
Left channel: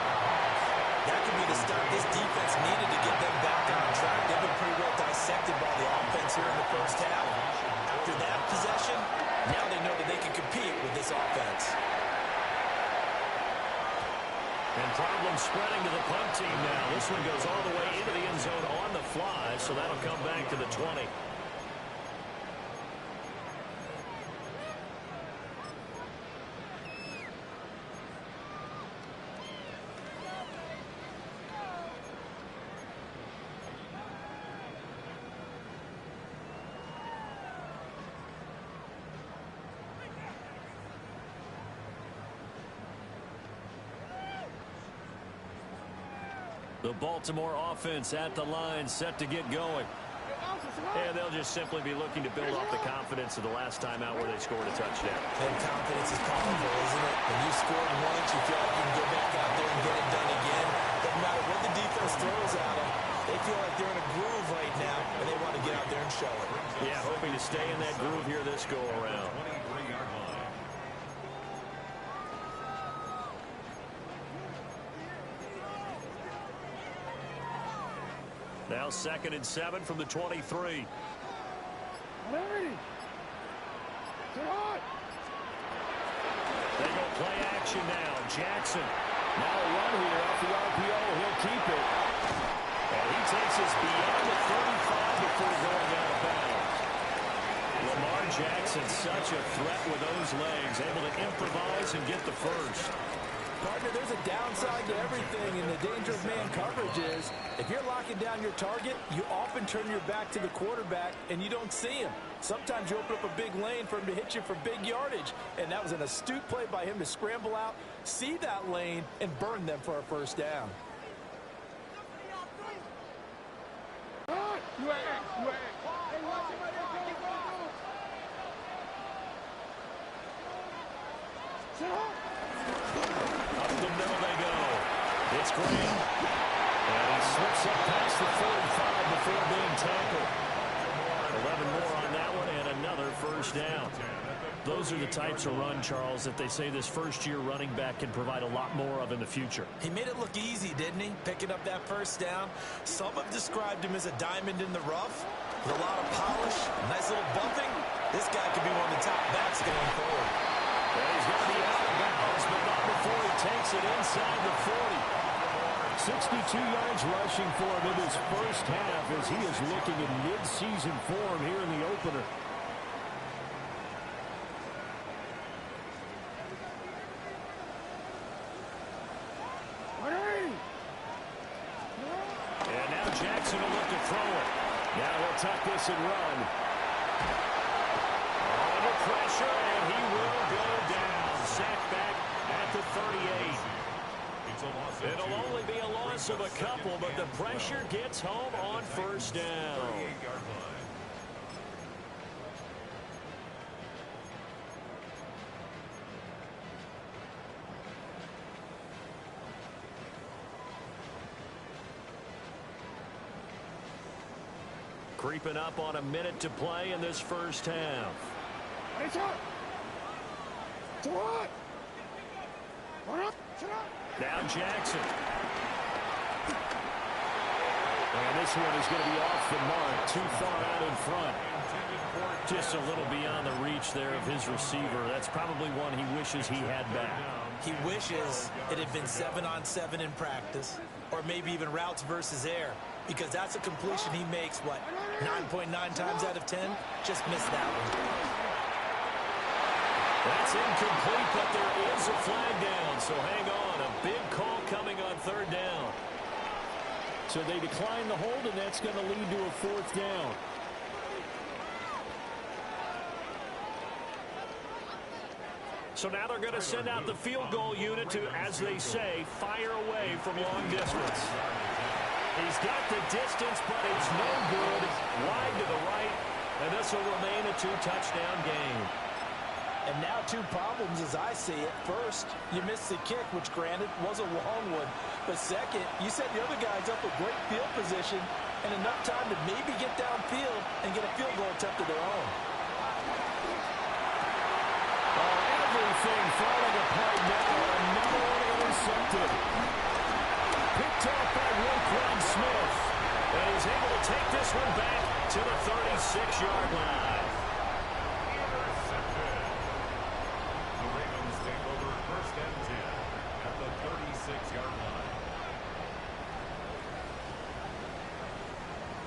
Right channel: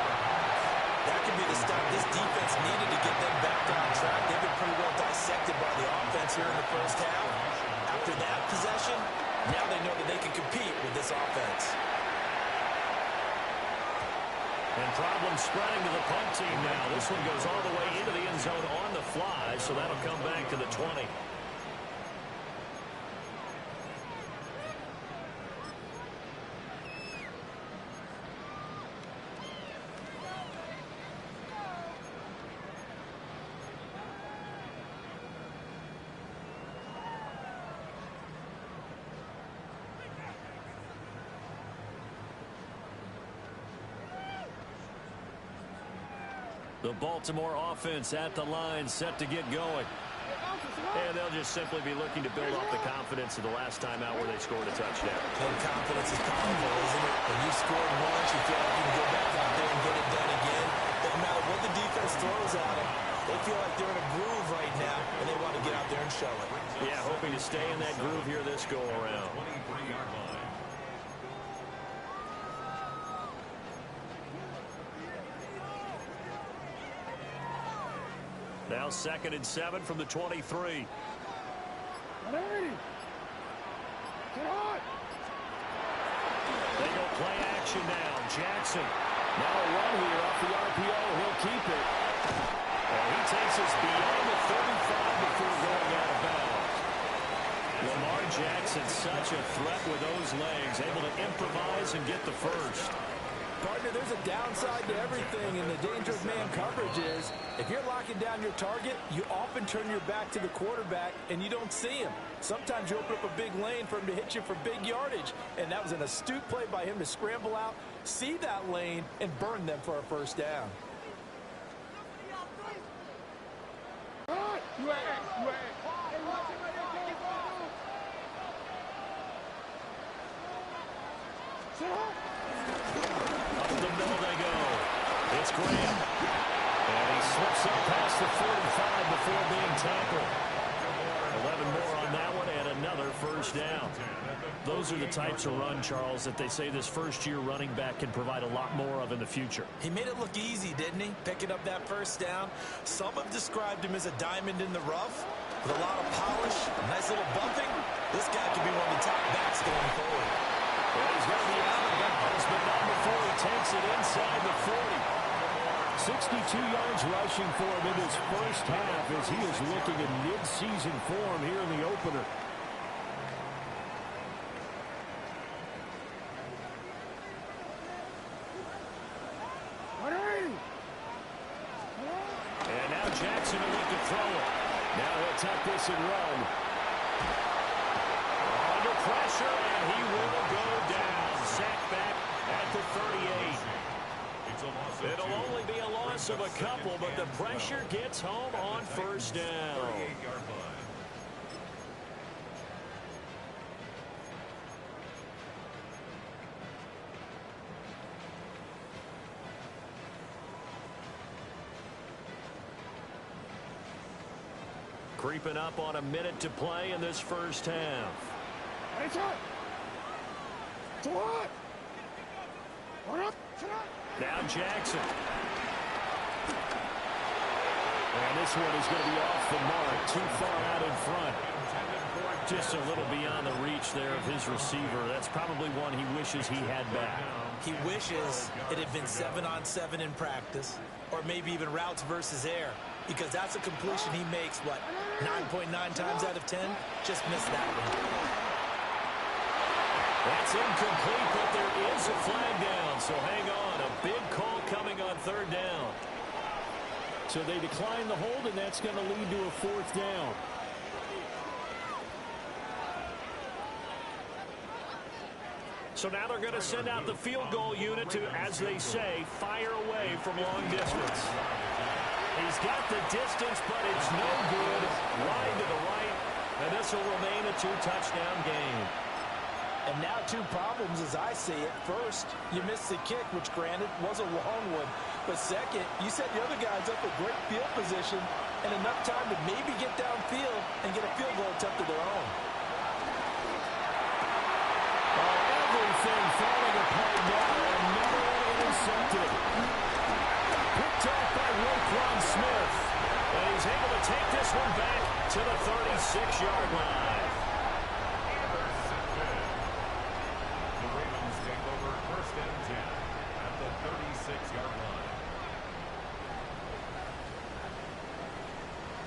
That could be the stop this defense needed to get them back on track. They've been pretty well dissected by the offense here in the first half. After that possession, now they know that they can compete with this offense. And problems spreading to the punt team now. This one goes all the way into the end zone on the fly, so that'll come back to the 20. The Baltimore offense at the line, set to get going. And they'll just simply be looking to build off the confidence of the last time out where they scored a touchdown. And confidence is powerful, isn't it? When you've scored once, you feel like you can go back out there and get it done again. Doesn't matter what the defense throws at them. They feel like they're in a groove right now, and they want to get out there and show it. Yeah, hoping to stay in that groove here this go-around. 23-yard line. Now 2nd and 7 from the 23. They go play action now. Jackson. Now a run here off the RPO. He'll keep it. And he takes us beyond the 35 before going out of bounds. Lamar Jackson, such a threat with those legs, able to improvise and get the first. Partner, there's a downside to everything, and the danger of man coverage is if you're locking down your target, you often turn your back to the quarterback and you don't see him. Sometimes you open up a big lane for him to hit you for big yardage, and that was an astute play by him to scramble out, see that lane, and burn them for a first down. Up the middle they go. It's Graham. And he slips up past the 45 before being tackled. 11 more on that one and another first down. Those are the types of run, Charles, that they say this first-year running back can provide a lot more of in the future. He made it look easy, didn't he? Picking up that first down. Some have described him as a diamond in the rough with a lot of polish, a nice little bumping. This guy could be one of the top backs going forward. And he's going to be out of bounds, but not before he takes it inside the 40. 62 yards rushing for him in this first half as he is looking in mid-season form here in the opener. And now Jackson will look to throw it. Now he'll tuck this and run. Under pressure, and he will go down. Sacked back at the 38. It'll only be a loss of a couple, but the pressure gets home on first down. Creeping up on a minute to play in this first half. Now Jackson. And this one is going to be off the mark. Too far out in front. Just a little beyond the reach there of his receiver. That's probably one he wishes he had back. He wishes it had been 7-on-7 in practice, or maybe even routes versus air, because that's a completion he makes, what, 9.9 times out of 10? Just missed that one. That's incomplete, but there is a flag down, so hang on. A big call coming on third down. So they decline the hold, and that's going to lead to a fourth down. So now they're going to send out the field goal unit to, as they say, fire away from long distance. He's got the distance, but it's no good. Wide to the right, and this will remain a 2-touchdown game. And now 2 problems as I see it. First, you missed the kick, which granted was a long one. But second, you set the other guys up with great field position and enough time to maybe get downfield and get a field goal attempt of their own. Everything falling apart now. Another one intercepted. Picked off by Roquan Smith. And he's able to take this one back to the 36-yard line. Intercepted. The Ravens take over 1st and 10 at the 36-yard line.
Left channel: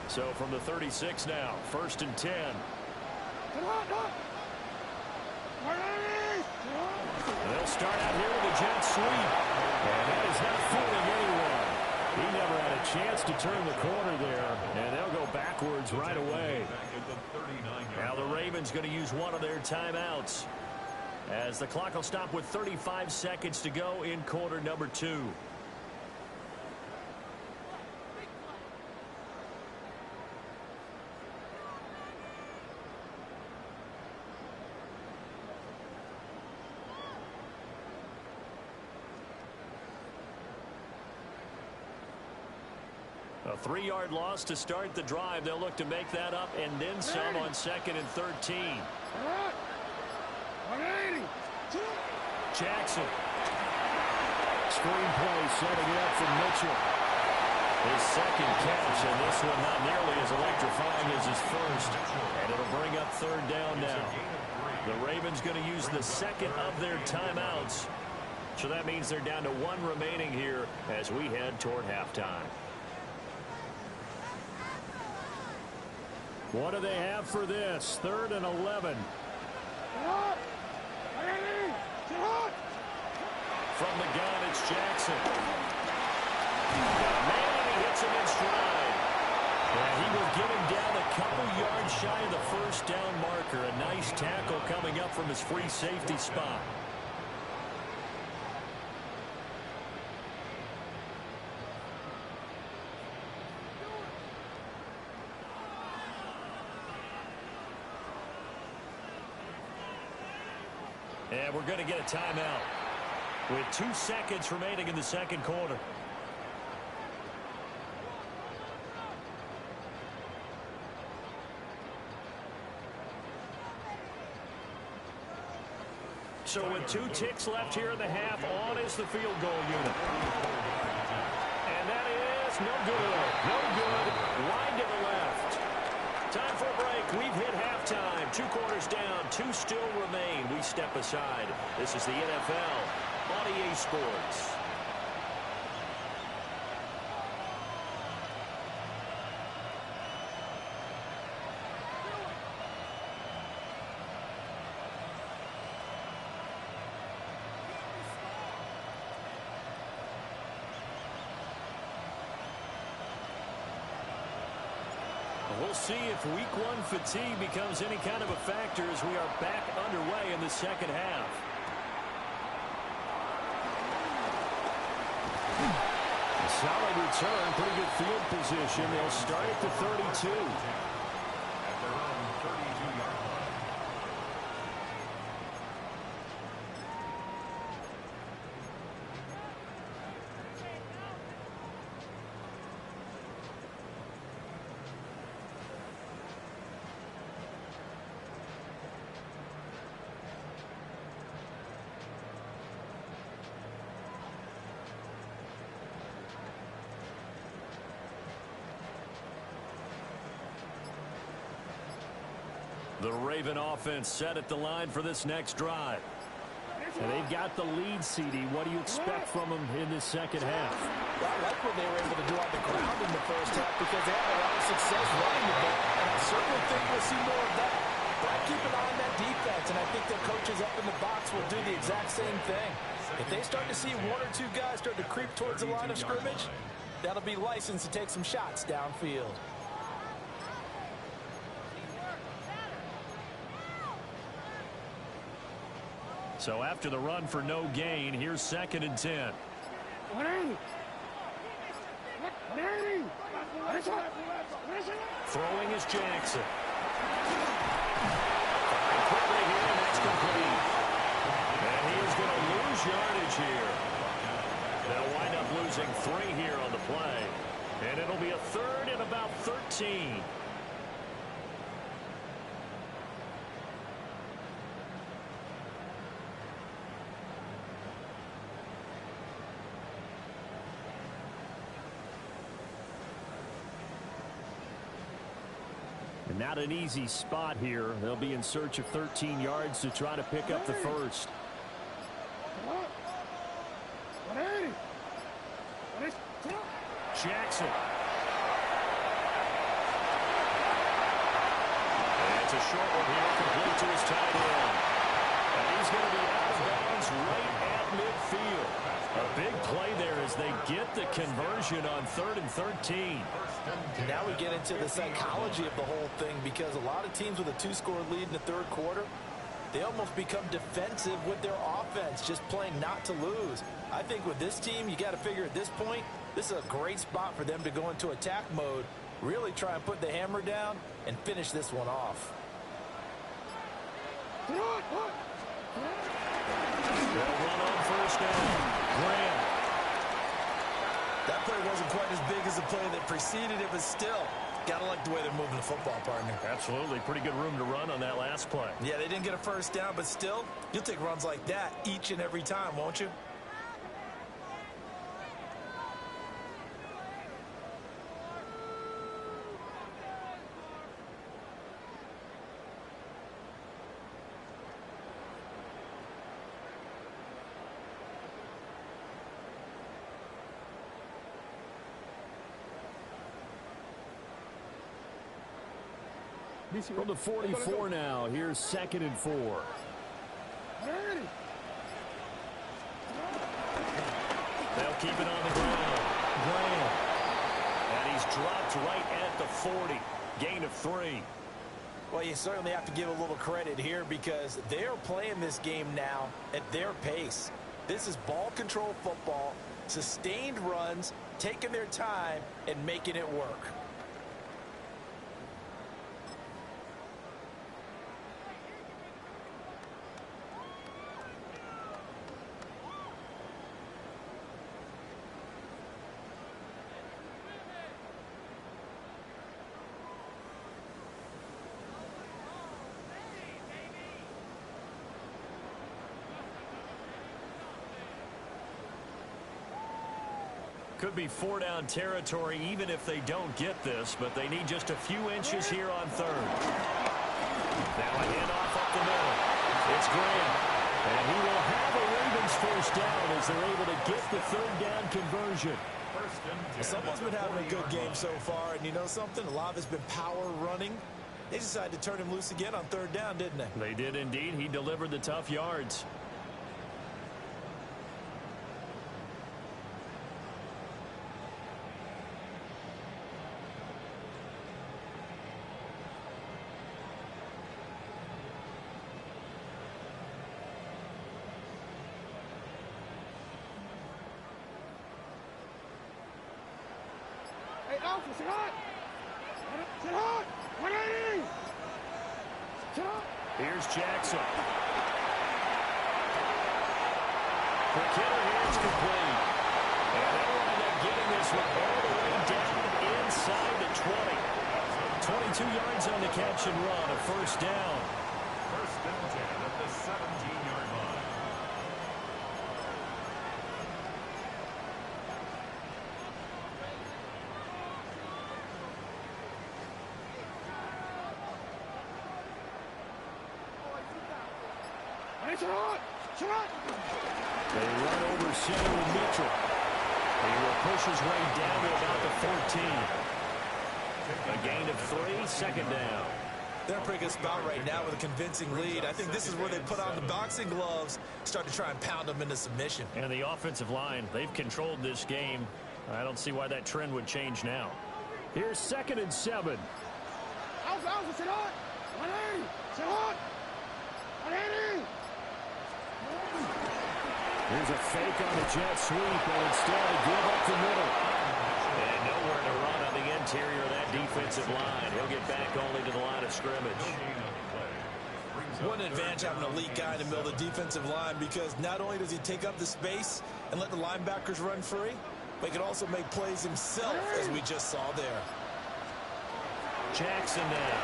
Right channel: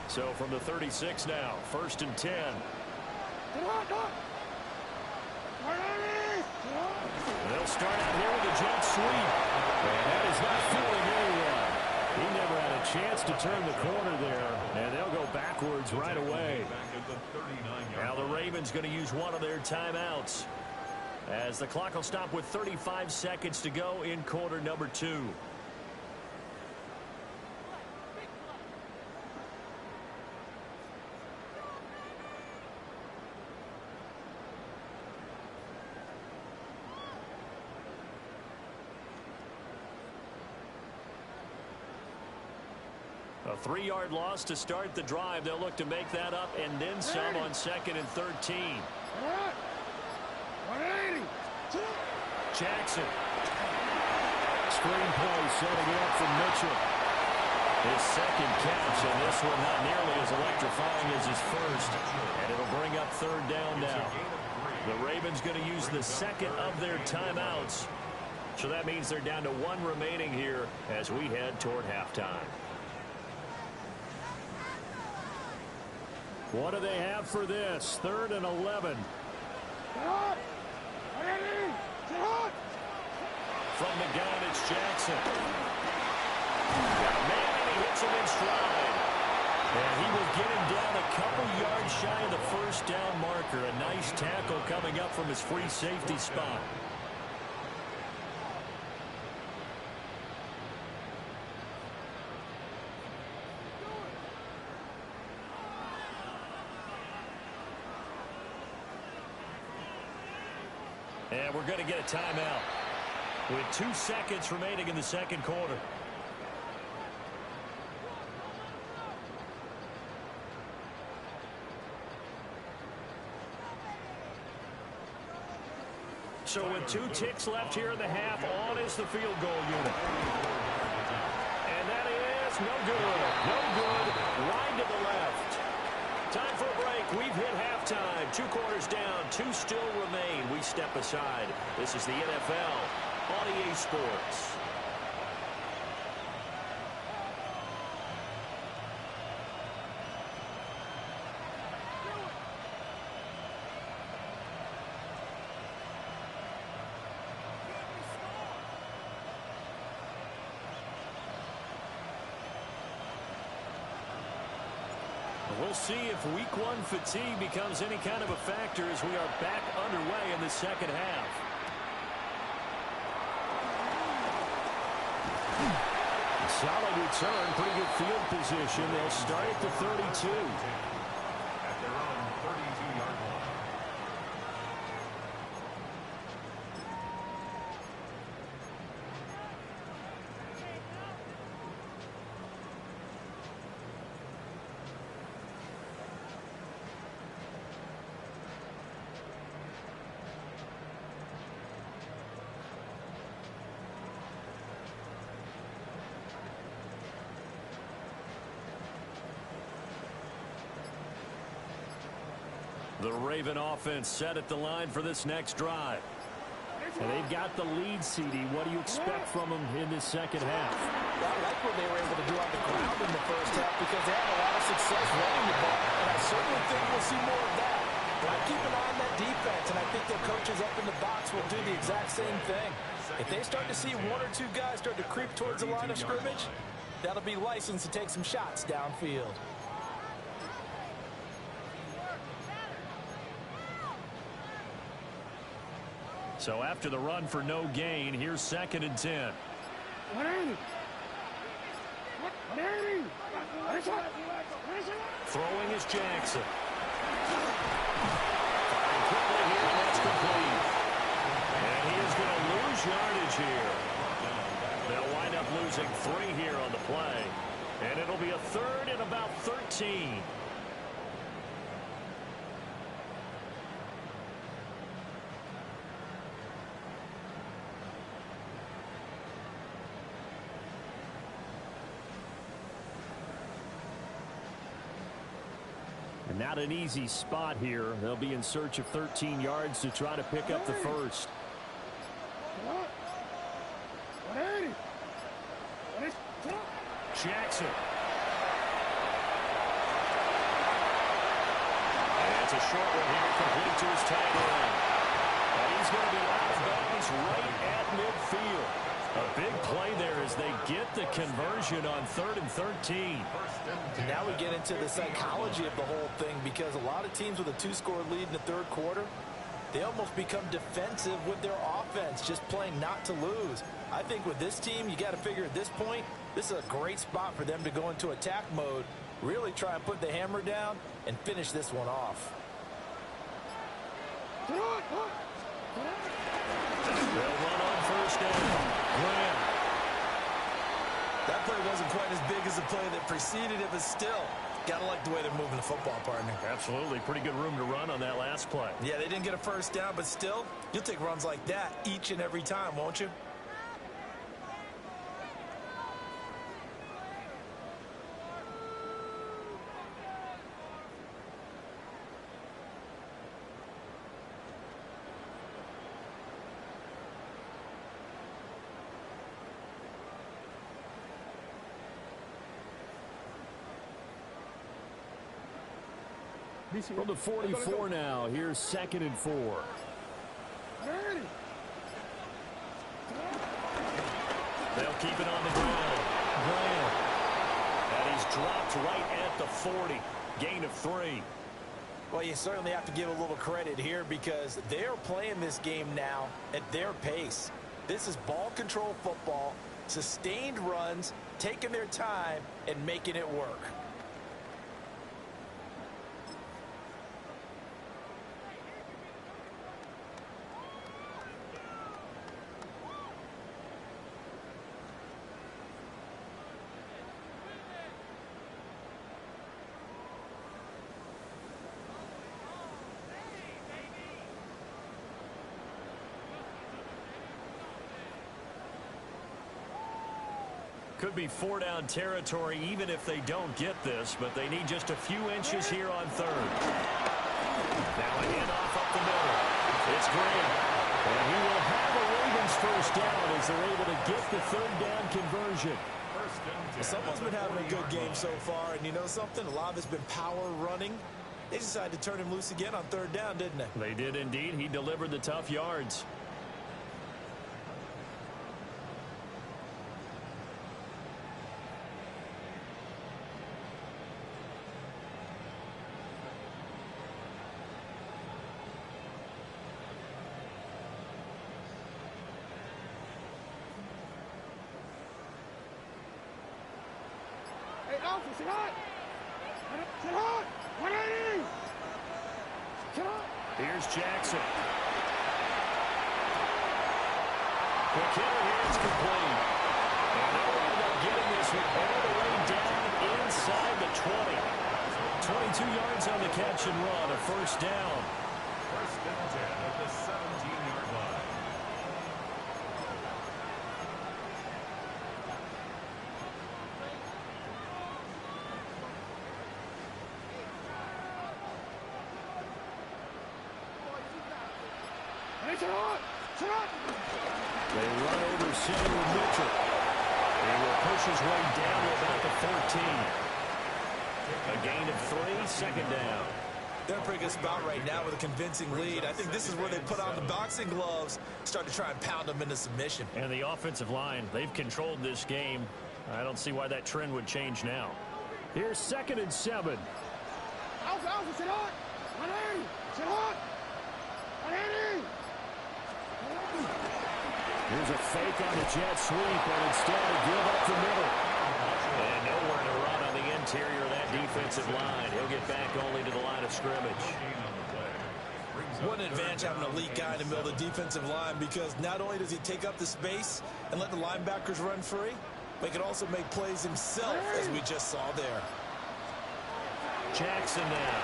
So from the 36 now, 1st and 10. They'll start out here with a jet sweep. And that is not fooling anyone. He never had a chance to turn the corner there, and they'll go backwards right away. Now the Ravens going to use one of their timeouts, as the clock will stop with 35 seconds to go in quarter number 2. A 3-yard loss to start the drive. They'll look to make that up and then some on 2nd and 13. Jackson. Screenplay setting it up for Mitchell. His second catch, and this one not nearly as electrifying as his first. And it'll bring up 3rd down now. The Ravens going to use the second of their timeouts. So that means they're down to 1 remaining here as we head toward halftime. What do they have for this? 3rd and 11. From the gun, it's Jackson. Got a man, and he hits him in stride. And he will get him down a couple yards shy of the 1st down marker. A nice tackle coming up from his free safety spot. And we're going to get a timeout with 2 seconds remaining in the 2nd quarter. So with 2 ticks left here in the half, on is the field goal unit. And that is no good. No good. Wide to the left. Time for a break. We've hit halftime. 2 quarters down. 2 still remain. We step aside. This is the NFL on EA Sports. We'll see if week 1 fatigue becomes any kind of a factor as we are back underway in the 2nd half. Solid return, pretty good field position. They'll start at the 32. At their own 32-yard line. The Raven offense set at the line for this next drive. And they've got the lead, CD. What do you expect from them in this second half? Well, I like what they were able to do on the ground in the first half because they had a lot of success running the ball, and I certainly think we'll see more of that. But I keep an eye on that defense, and I think their coaches up in the box will do the exact same thing. If they start to see one or two guys start to creep towards the line of scrimmage, that'll be licensed to take some shots downfield. So after the run for no gain, here's 2nd and 10. 180. 180. Throwing is Jackson. Firing quickly here, and that's complete. And he is going to lose yardage here. They'll wind up losing 3 here on the play. And it'll be a 3rd and about 13. And not an easy spot here. They'll be in search of 13 yards to try to pick up the first. 180. Jackson. And it's a short one here, complete to his tight end. And he's going to be out of bounds right at midfield. A big play there as they get the conversion on 3rd and 13. Now we get into the psychology of the whole thing because a lot of teams with a 2-score lead in the third quarter, they almost become defensive with their offense, just playing not to lose. I think with this team, you got to figure at this point, this is a great spot for them to go into attack mode, really try and put the hammer down and finish this one off. They'll run on 1st down. Graham. That play wasn't quite as big as the play that preceded it, but still, gotta like the way they're moving the football, partner. Absolutely. Pretty good room to run on that last play. Yeah, they didn't get a 1st down, but still, you'll take runs like that each and every time, won't you? From the 44 now, here's 2nd and 4. 180. They'll keep it on the ground. Graham. And he's dropped right at the 40. Gain of 3. Well, you certainly have to give a little credit here because they're playing this game now at their pace. This is ball control football, sustained runs, taking their time, and making it work. Could be 4-down territory even if they don't get this, but they need just a few inches here on 3rd. Now a handoff up the middle. It's Graham. And he will have a Ravens 1st down as they're able to get the 3rd down conversion. Someone's been having a good game so far, and you know something? A lot of it's been power running. They decided to turn him loose again on 3rd down, didn't they? They did indeed. He delivered the tough yards. Hey, Alpha, sit hot. Sit hot. 180. Sit hot. Here's Jackson. Quick hitter here is complete. And they'll wind up getting this one all the way down inside the 20. 22 yards on the catch and run, a 1st down. 1st and 10 at the 17-yard line. Sit hot. Sit hot. They run over center with Mitchell. He will push his way down to about the 14. A gain of 3, second down. They're in a pretty good spot right now with a convincing lead. I think this is where they put on the boxing gloves, start to try and pound them into submission. And the offensive line, they've controlled this game. I don't see why that trend would change now. Here's 2nd and 7. Alpha, Alpha, sit hot. 180. Sit hot. 180. Here's a fake on the jet sweep, and instead give up the middle. And nowhere to run on the interior of that defensive line. He'll get back only to the line of scrimmage. What an advantage having an elite guy in the middle of the defensive line, because not only does he take up the space and let the linebackers run free, but he can also make plays himself, as we just saw there. Jackson now.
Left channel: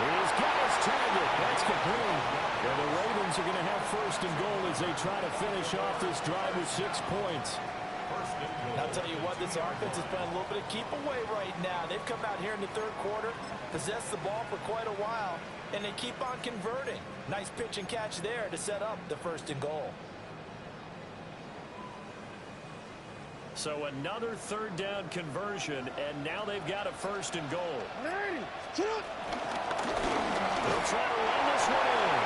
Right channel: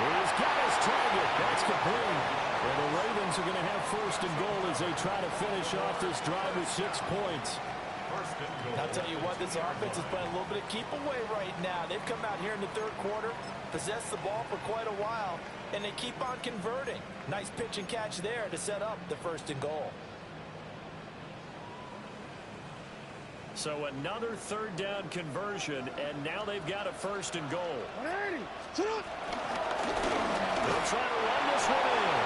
He's got his target. That's complete. And the Ravens are going to have 1st and goal as they try to finish off this drive with 6 points. I'll tell you what, this offense is playing a little bit of keep away right now. They've come out here in the 3rd quarter, possessed the ball for quite a while, and they keep on converting. Nice pitch and catch there to set up the 1st and goal. So another 3rd down conversion, and now they've got a 1st and goal. 180. Sit up. They'll try to run this one in.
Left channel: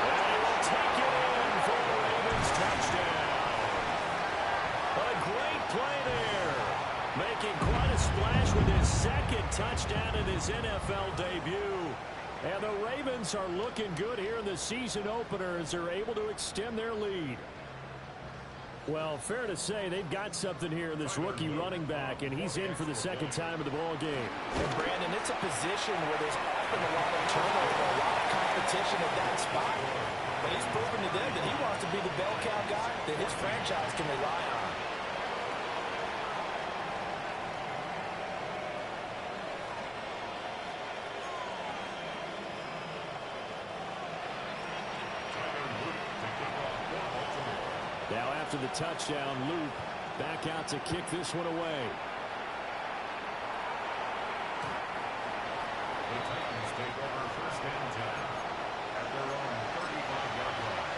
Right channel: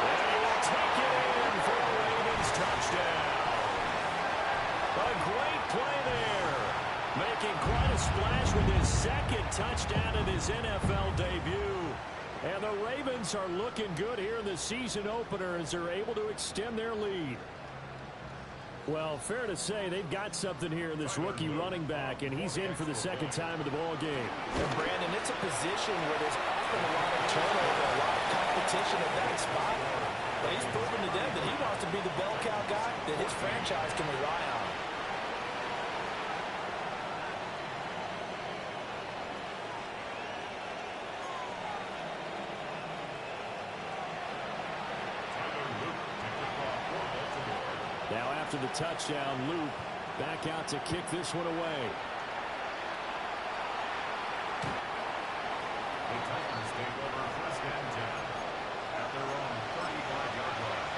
And he will take it in for a Ravens touchdown. A great play there. Making quite a splash with his 2nd touchdown in his NFL debut. And the Ravens are looking good here in the season opener as they're able to extend their lead. Well, fair to say they've got something here in this rookie running back, and he's in for the 2nd time of the ball game. And Brandon, it's a position where there's often a lot of turnover, a lot of competition at that spot. But he's proven to them that he wants to be the bell cow guy that his franchise can rely on. Now after the touchdown, Luke back out to kick this one away. The Titans take over 1st and 10 at their own 35-yard line.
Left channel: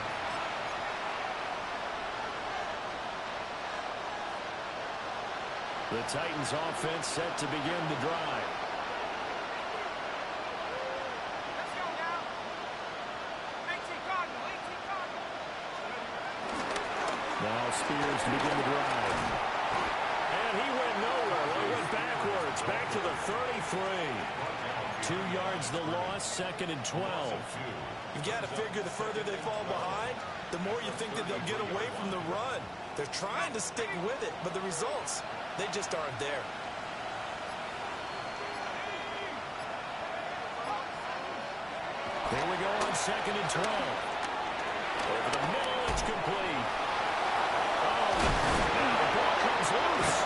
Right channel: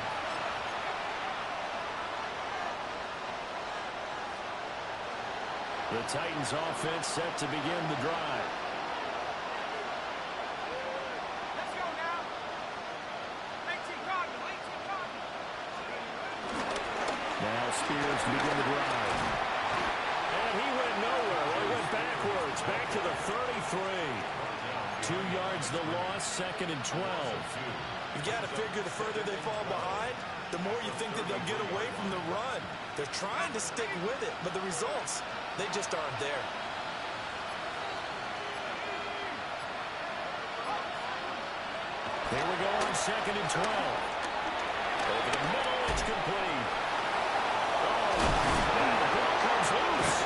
The Titans offense set to begin the drive. Let's go now. 18 Cardinal. 18 Cardinal. Now Spears to begin the drive. And he went nowhere. Well, he went backwards. Back to the 33. 2 yards the loss, 2nd and 12. You've got to figure the further they fall behind, the more you think that they'll get away from the run. They're trying to stick with it, but the results, they just aren't there. Here we go on 2nd and 12. Over the middle, it's complete. Oh, now the ball comes loose.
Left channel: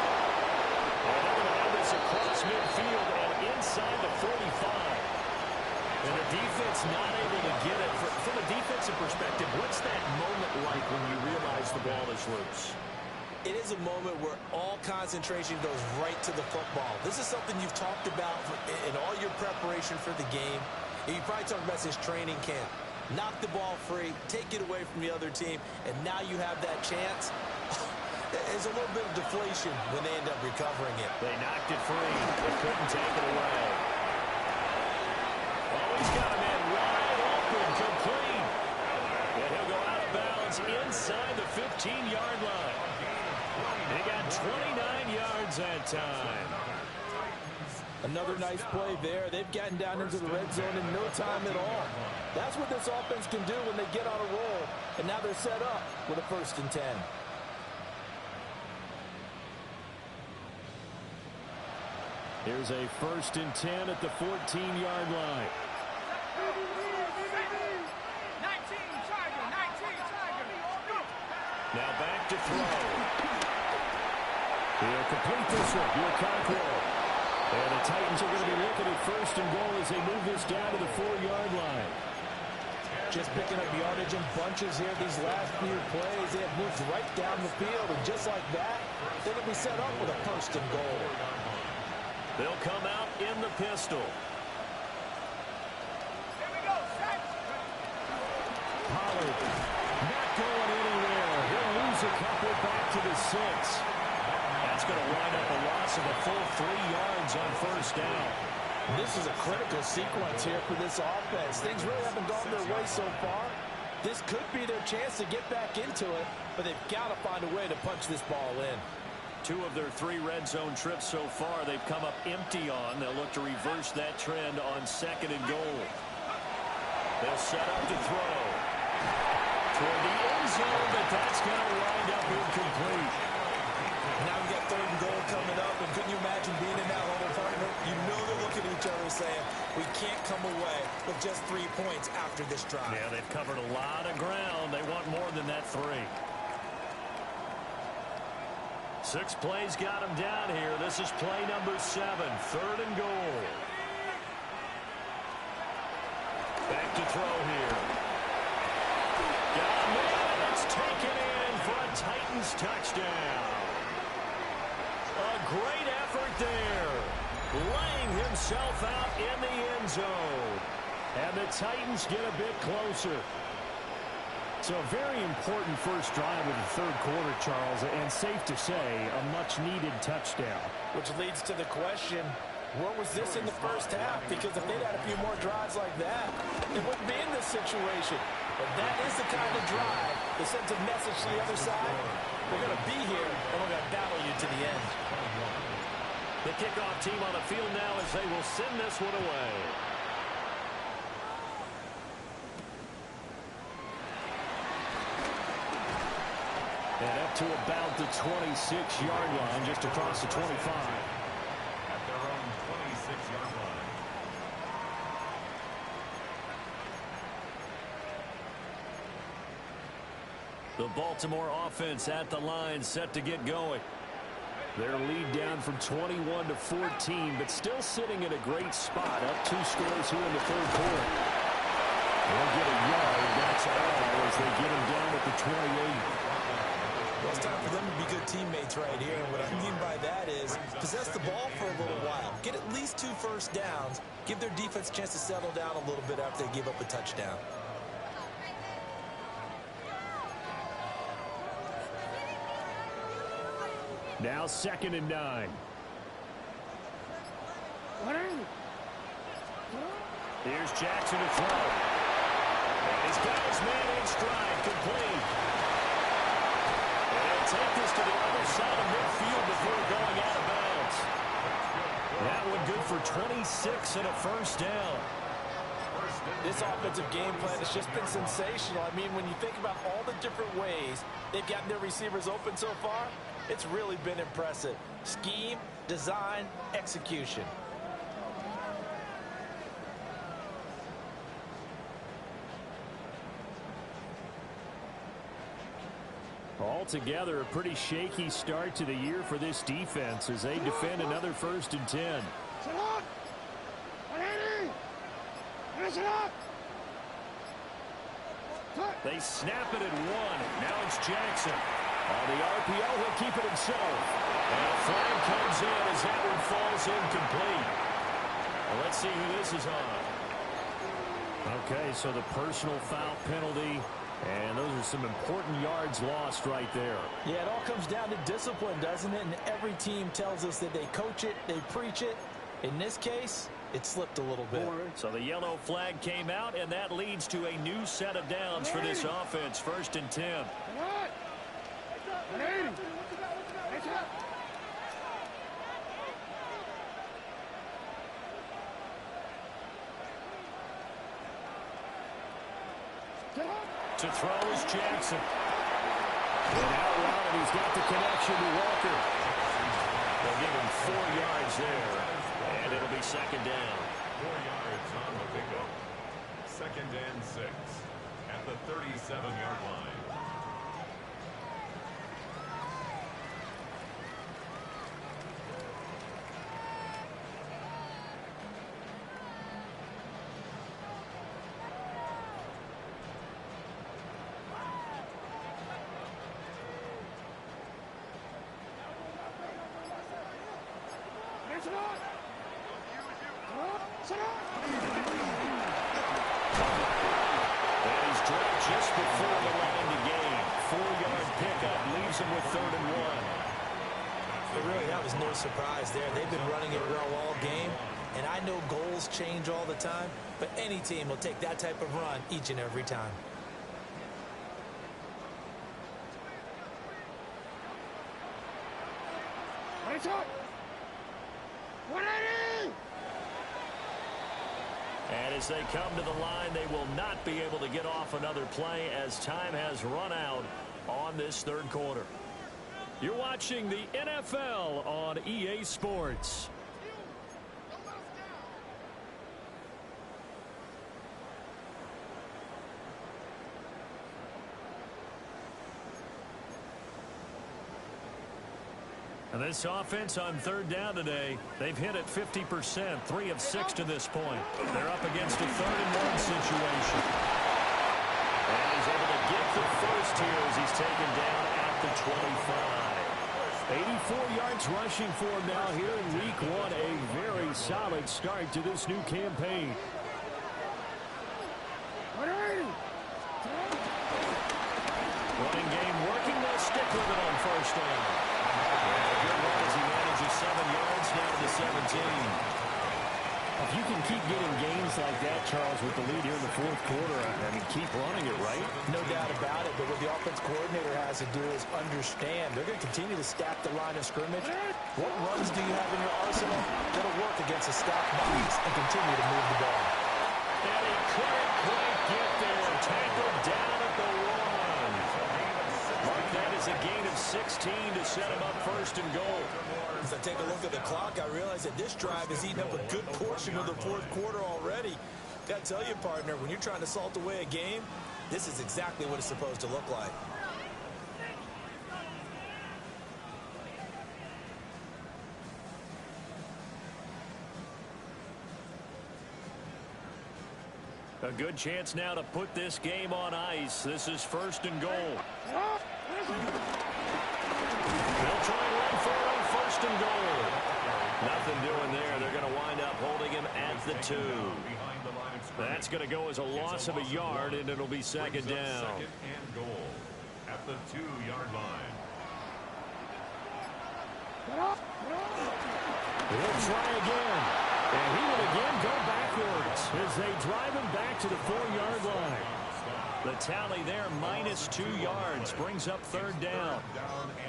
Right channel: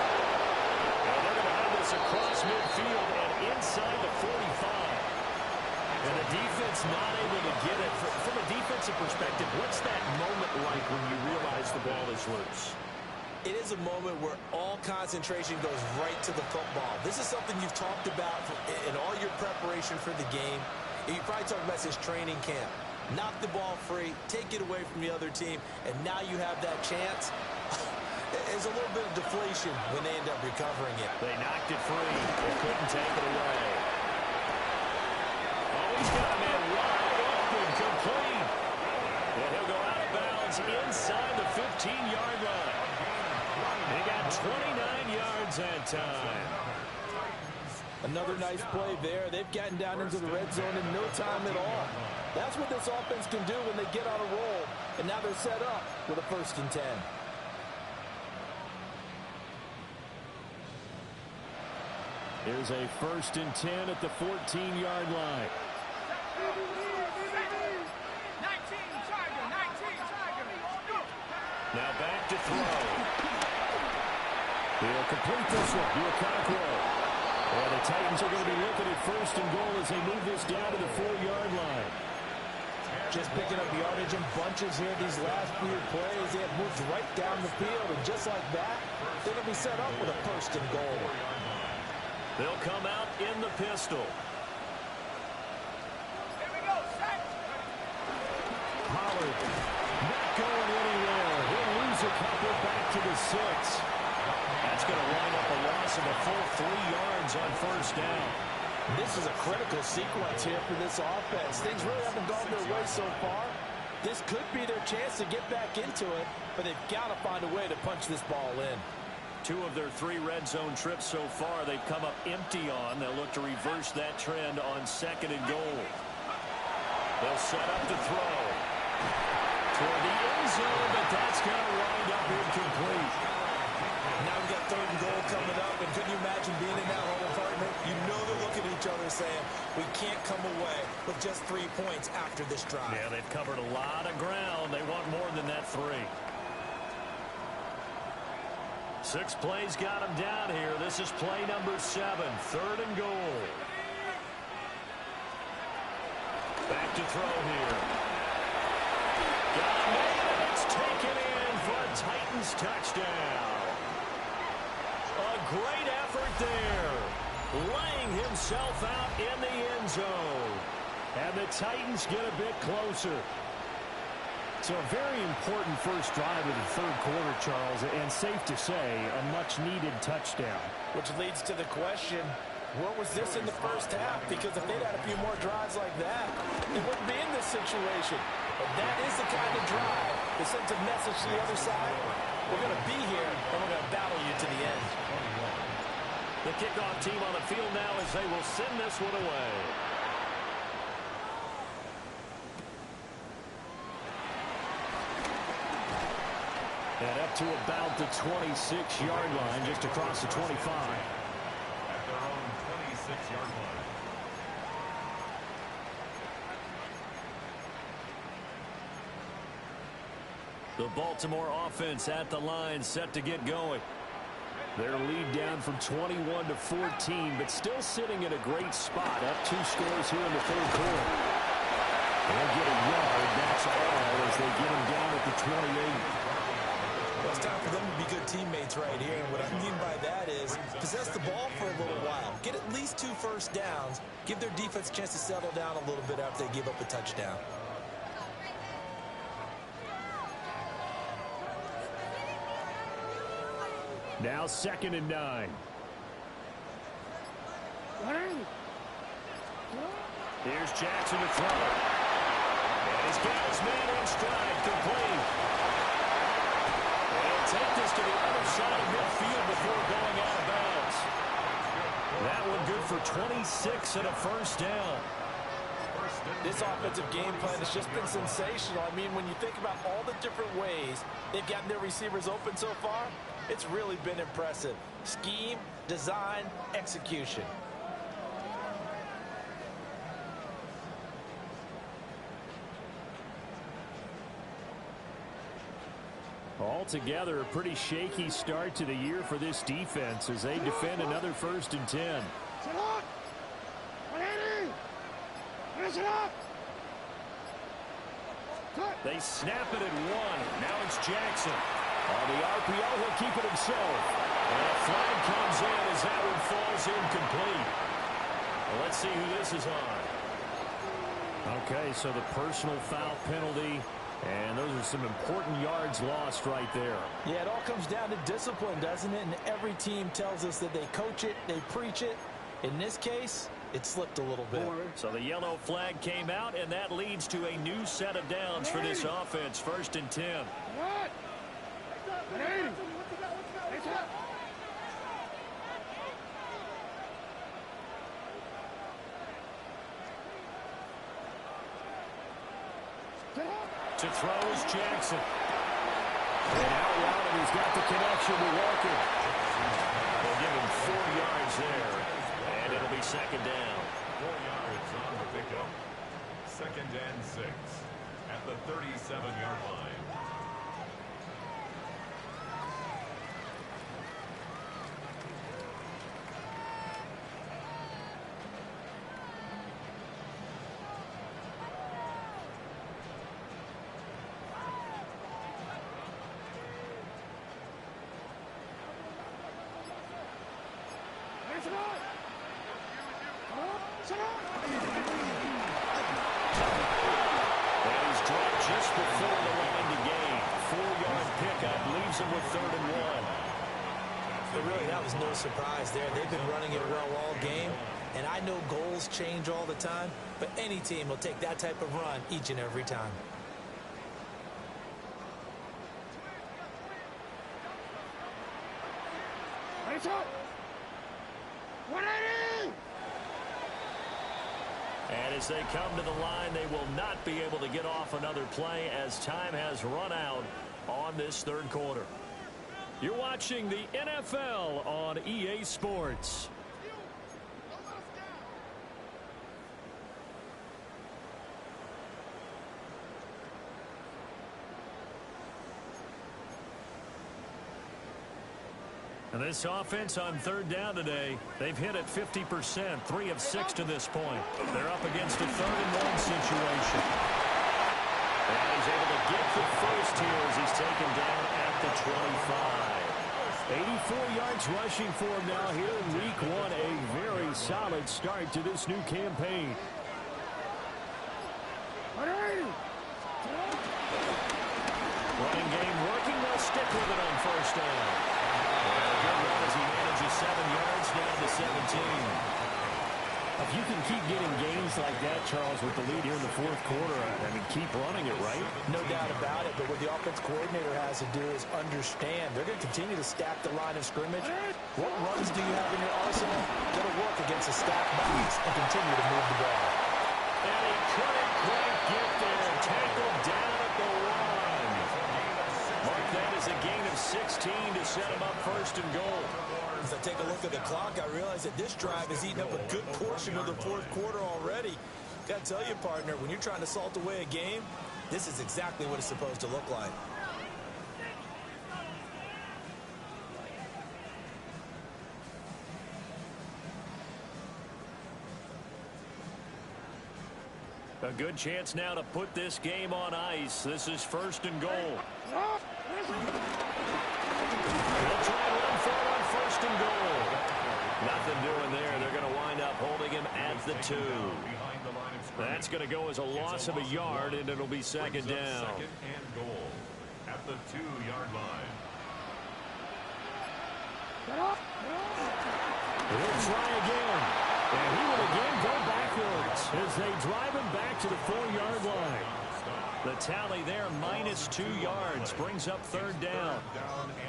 And they're going to have this across midfield and inside the 45. And the defense not able to get it. From a defensive perspective, what's that moment like when you realize the ball is loose? It is a moment where all concentration goes right to the football. This is something you've talked about in all your preparation for the game. You probably talked about this training camp. Knock the ball free, take it away from the other team, and now you have that chance. There's a little bit of deflation when they end up recovering it. They knocked it free. They couldn't take it away. Oh, he's got a man wide open, complete. And he'll go out of bounds inside the 15-yard line. He got 29 yards that time. Another nice play there. They've gotten down into the red zone in no time at all. That's what this offense can do when they get on a roll. And now they're set up with a 1st and 10. Here's a 1st and 10 at the 14-yard line. 19 Tiger. 19 Tiger. Now back to throw. He'll complete this one. Okonkwo. And the Titans are going to be looking at 1st and goal as they move this down to the 4-yard line. Just picking up yardage in bunches here these last few plays. They have moved right down the field, and just like that, they're going to be set up with a 1st and goal. They'll come out in the pistol. Pollard. Not going anywhere. He'll lose a couple back to the 6. That's going to wind up a loss of a full 3 yards on first down. This is a critical sequence here for this offense. Things really haven't gone their way so far. This could be their chance to get back into it, but they've got to find a way to punch this ball in. 2 of their 3 red zone trips so far they've come up empty on. They'll look to reverse that trend on 2nd and goal. They'll set up to throw toward the end zone, but that's going to wind up incomplete. Now we've got 3rd and goal coming up, and couldn't you imagine being in that huddle, partner? You know they're looking at each other saying, we can't come away with just 3 points after this drive. Yeah, they've covered a lot of ground. They want more than that 3. 6 plays got them down here. This is play number 7, 3rd and goal. Back to throw here. Got a man, and it's taken in for a Titans touchdown. A great effort there. Laying himself out in the end zone. And the Titans get a bit closer. So a very important first drive of the 3rd quarter, Charles, and safe to say, a much-needed touchdown. Which leads to the question, where was this in the first half? Because if they'd had a few more drives like that, they wouldn't be in this situation. But that is the kind of drive that sends a message to the other side. We're going to be here, and we're going to battle you to the end. The kickoff team on the field now as they will send this one away. And up to about the 26-yard line, just across the 25. At their own 26-yard line. The Baltimore offense at the line, set to get going. Their lead down from 21 to 14, but still sitting in a great spot. Up 2 scores here in the 3rd quarter. They'll get a yard, that's all, as they get him down at the 28. Well, it's time for them to be good teammates right here. And what I mean by that is possess the ball for a little while. Get at least 2 first downs. Give their defense a chance to settle down a little bit after they give up a touchdown. Now 2nd and 9. Here's Jackson to throw. And he's got his man in stride, complete. And he'll take this to the other side of midfield before going out of bounds. That one good for 26 and a first down. This offensive game plan has just been sensational. I mean, when you think about all the different ways they've gotten their receivers open so far, it's really been impressive. Scheme, design, execution. Altogether, a pretty shaky start to the year for this defense as they defend another 1st and 10. They snap it at 1. Now it's Jackson. On the RPO, he'll keep it himself. And a flag comes in as that one falls incomplete. Well, let's see who this is on. Okay, so the personal foul penalty, and those are some important yards lost right there. Yeah, it all comes down to discipline, doesn't it? And every team tells us that they coach it, they preach it. In this case, it slipped a little bit. So the yellow flag came out, and that leads to a new set of downs for this offense. 1st and 10. To throw is Jackson. And out route, and he's got the connection to Walker. They'll give him 4 yards there, and it'll be 2nd down. 4 yards on the pickup. 2nd and 6 at the 37-yard line. And he's dropped just before the line to gain. 4-yard pickup leaves them with 3rd and 1. But really, that was no surprise there. They've been running it well all game. And I know goals change all the time, but any team will take that type of run each and every time. And as they come to the line, they will not be able to get off another play as time has run out on this 3rd quarter. You're watching the NFL on EA Sports. And this offense on 3rd down today, they've hit it 50%, 3 of 6 to this point. They're up against a 3rd and 1 situation. And he's able to get the first here as he's taken down at the 25. 84 yards rushing for him now here in week 1. A very solid start to this new campaign. Running game working. They'll stick with it on 1st down. And a good run as he manages 7 yards down to the 17. If you can keep getting gains like that, Charles, with the lead here in the 4th quarter, I mean, keep running it, right? No doubt about it, but what the offense coordinator has to do is understand. They're going to continue to stack the line of scrimmage. What runs do you have in your arsenal that'll work against a stacked box and continue to move the ball? And he couldn't quite get there. Tackled down at the 1. Mark that as a gain of 16 to set him up 1st and goal. As I take a look at the clock, I realize that this drive has eaten up a good portion of the 4th quarter already. Got to tell you, partner, when you're trying to salt away a game, this is exactly what it's supposed to look like. A good chance now to put this game on ice. This is 1st and goal. They'll try and run for it on 1st and goal. Nothing doing there. They're going to wind up holding him at the 2. That's going to go as a loss of a yard, and it'll be 2nd down. 2nd and goal at the 2-yard line. He'll try again. And he will again go backwards as they drive him back to the 4-yard line. The tally there, minus 2 yards, brings up 3rd down.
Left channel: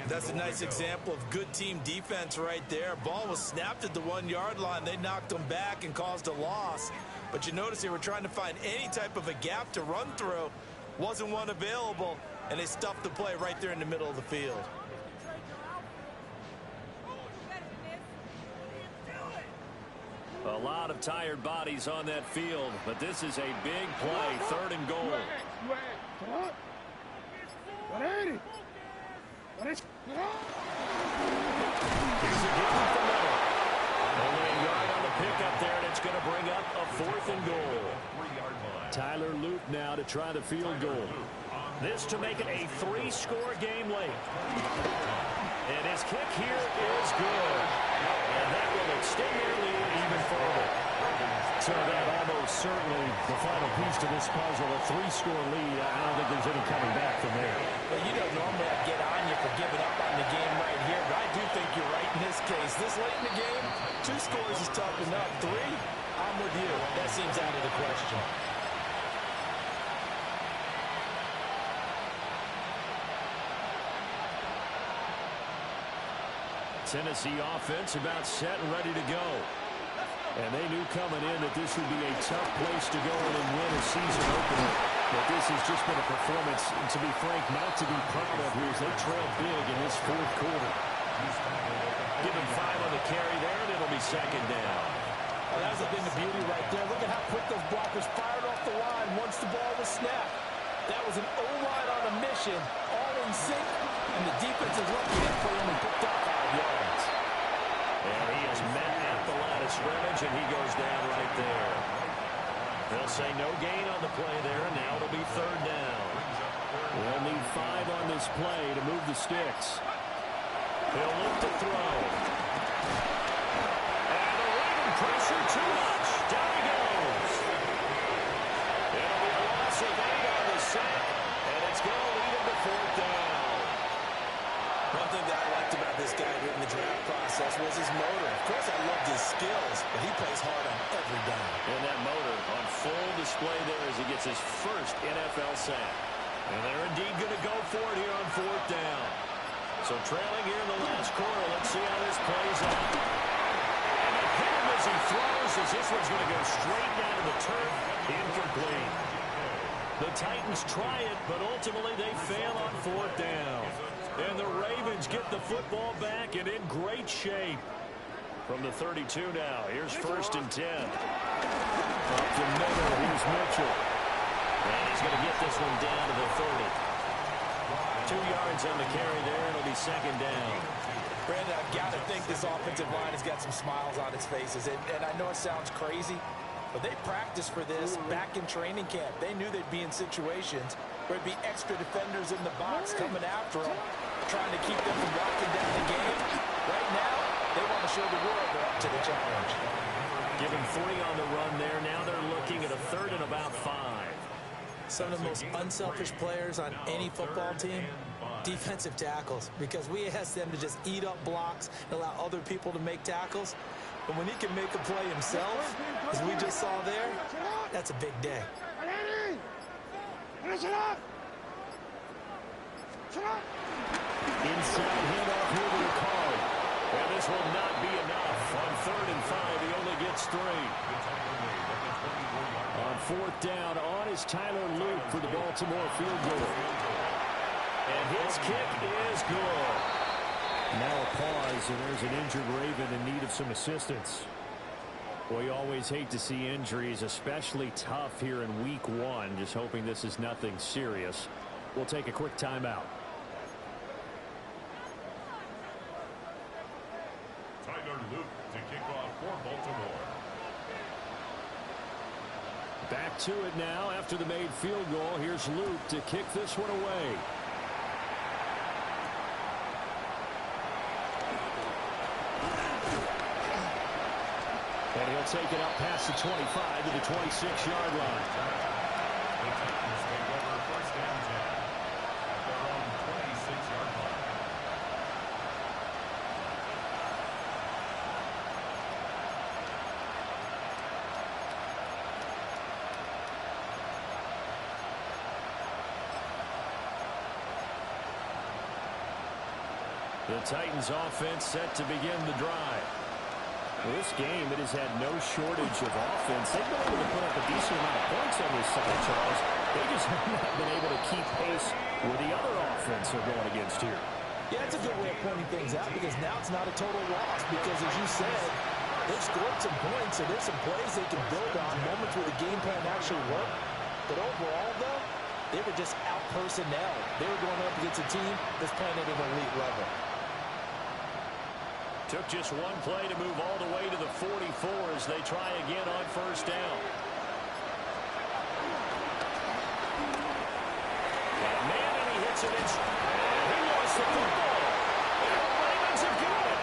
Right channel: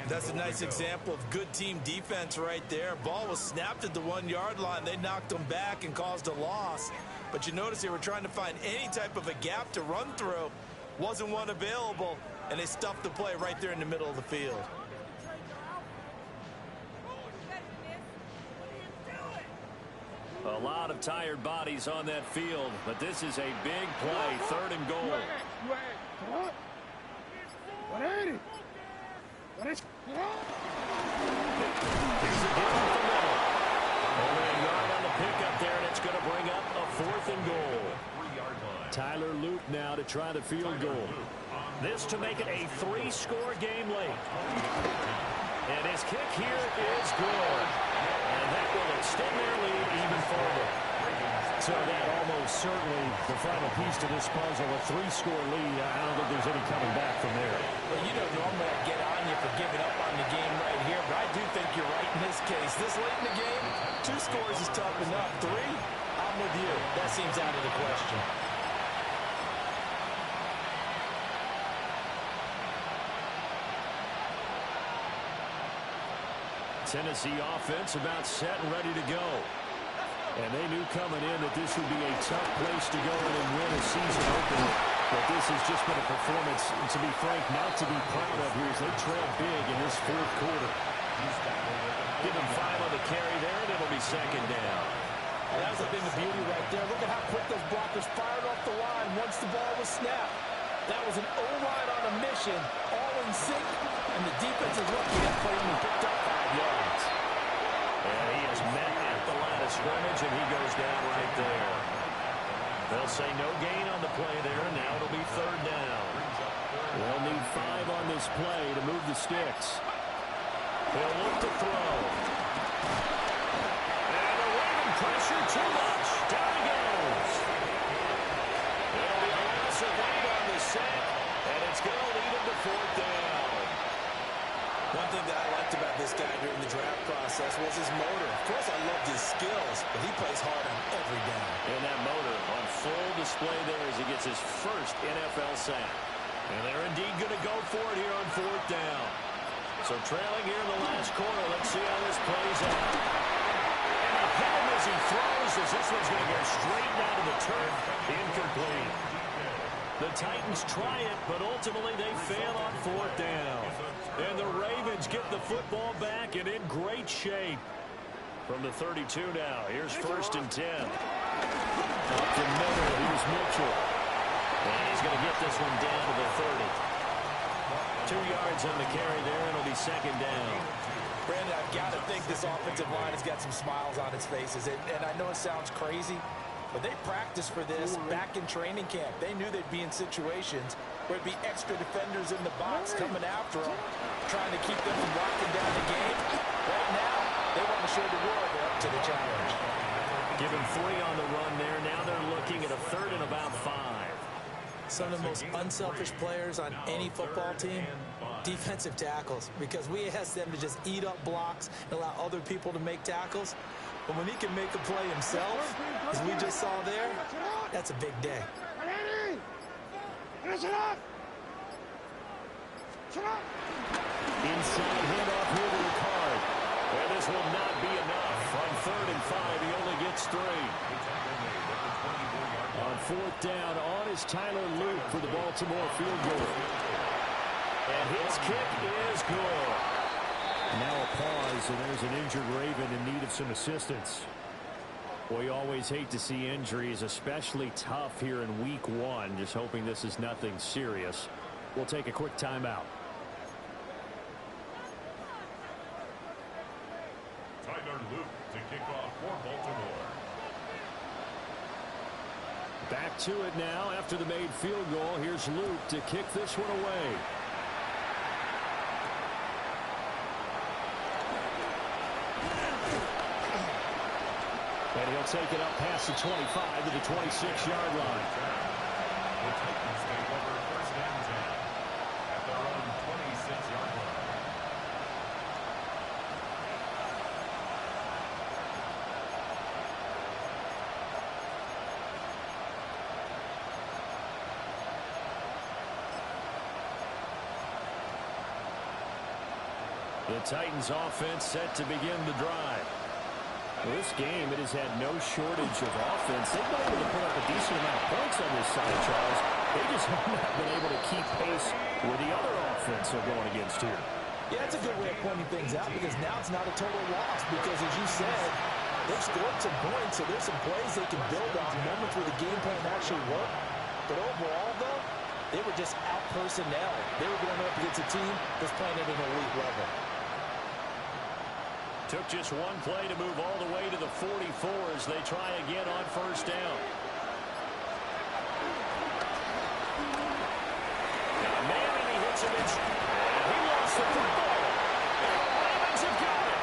That's a nice example of good team defense right there. Ball was snapped at the 1-yard line. They knocked him back and caused a loss. But you notice they were trying to find any type of a gap to run through. Wasn't one available, and they stuffed the play right there in the middle of the field. A lot of tired bodies on that field, but this is a big play, 3rd and goal. Here's a give up the middle. Only a yard on the pickup there, and it's going to bring up a 4th and goal. Tyler Loop now to try the field goal. This to make it a 3-score game late. And his kick here is good. And that will extend their lead even further. So that almost certainly the final piece to this puzzle, a 3-score lead. I don't think there's any coming back from there. Well, you know, normally I'd get on you for giving up on the game right here, but I do think you're right in this case. This late in the game, 2 scores is tough enough. 3, I'm with you. That seems out of the question. Tennessee offense about set and ready to go. And they knew coming in that this would be a tough place to go in and win a season opener. But this has just been a performance, to be frank, not to be proud of here as they trail big in this 4th quarter. Give him 5 on the carry there, and it'll be 2nd down. Oh, that was a thing of beauty right there. Look at how quick those blockers fired off the line once the ball was snapped. That was an O-line on a mission, all in sync, and the defense is lucky that play only picked up 5 yards. And he is met at the line of scrimmage, and he goes down right there. They'll say no gain on the play there, and now it'll be 3rd down. They'll need 5 on this play to move the sticks. He'll look to throw. And the Raven pressure too much. Down he goes. It'll be a loss of 8 on the sack, and it's going to lead him to fourth down. One thing that I liked about this guy during the draft process was his motor. Of course, I loved his skills, but he plays hard on every down. And that motor on full display there as he gets his first NFL sack. And they're indeed going to go for it here on fourth down. So trailing here in the last quarter. Let's see how this plays out. And they hit him as he throws, as this one's going to go straight down to the turf. Incomplete. The Titans try it, but ultimately they fail on fourth down. And the Ravens get the football back and in great shape. From the 32 now, here's 1st and 10. Up the middle, here's Mitchell. And he's going to get this one down to the 30. 2 yards on the carry there, and it'll be 2nd down. Brandon, I've got to think this offensive line has got some smiles on its faces. And I know it sounds crazy, but they practiced for this back in training camp. They knew they'd be in situations where there'd be extra defenders in the box coming after them, trying to keep them from locking down the game. Right now, they want to show the world they're up to the challenge. Give him 3 on the run there. Now they're looking at a 3rd and about 5. Some of the most unselfish players on any football team, defensive tackles, because we ask them to just eat up blocks and allow other people to make tackles. But when he can make a play himself, as we just saw there, that's a big day. Inside handoff here to Ricard. And this will not be enough. On 3rd and 5, he only gets 3. On 4th down, on is Tyler Luke for the Baltimore field goal. And his kick is good. Now a pause, and there's an injured Raven in need of some assistance. Well, you always hate to see injuries, especially tough here in week 1. Just hoping this is nothing serious. We'll take a quick timeout. Tyler Luke to kick off for Baltimore. Back to it now after the made field goal. Here's Luke to kick this one away. And he'll take it up past the 25 to the 26-yard line. The Titans take over 1st and 10 at their own 26-yard line. The Titans offense set to begin the drive. Well, this game, it has had no shortage of offense. They've been able to put up a decent amount of points on this side, Charles. They just have not been able to keep pace with the other offense they're going against here. Yeah, that's a good way of pointing things out, because now it's not a total loss, because as you said, they've scored some points, so there's some plays they can build on, moments where the game plan actually worked. But overall, though, they were just out-personnel. They were going up against a team that's playing at an elite level. Took just one play to move all the way to the 44 as they try again on 1st down. Got a man and he hits him. And he lost the football. And the Ravens have got it.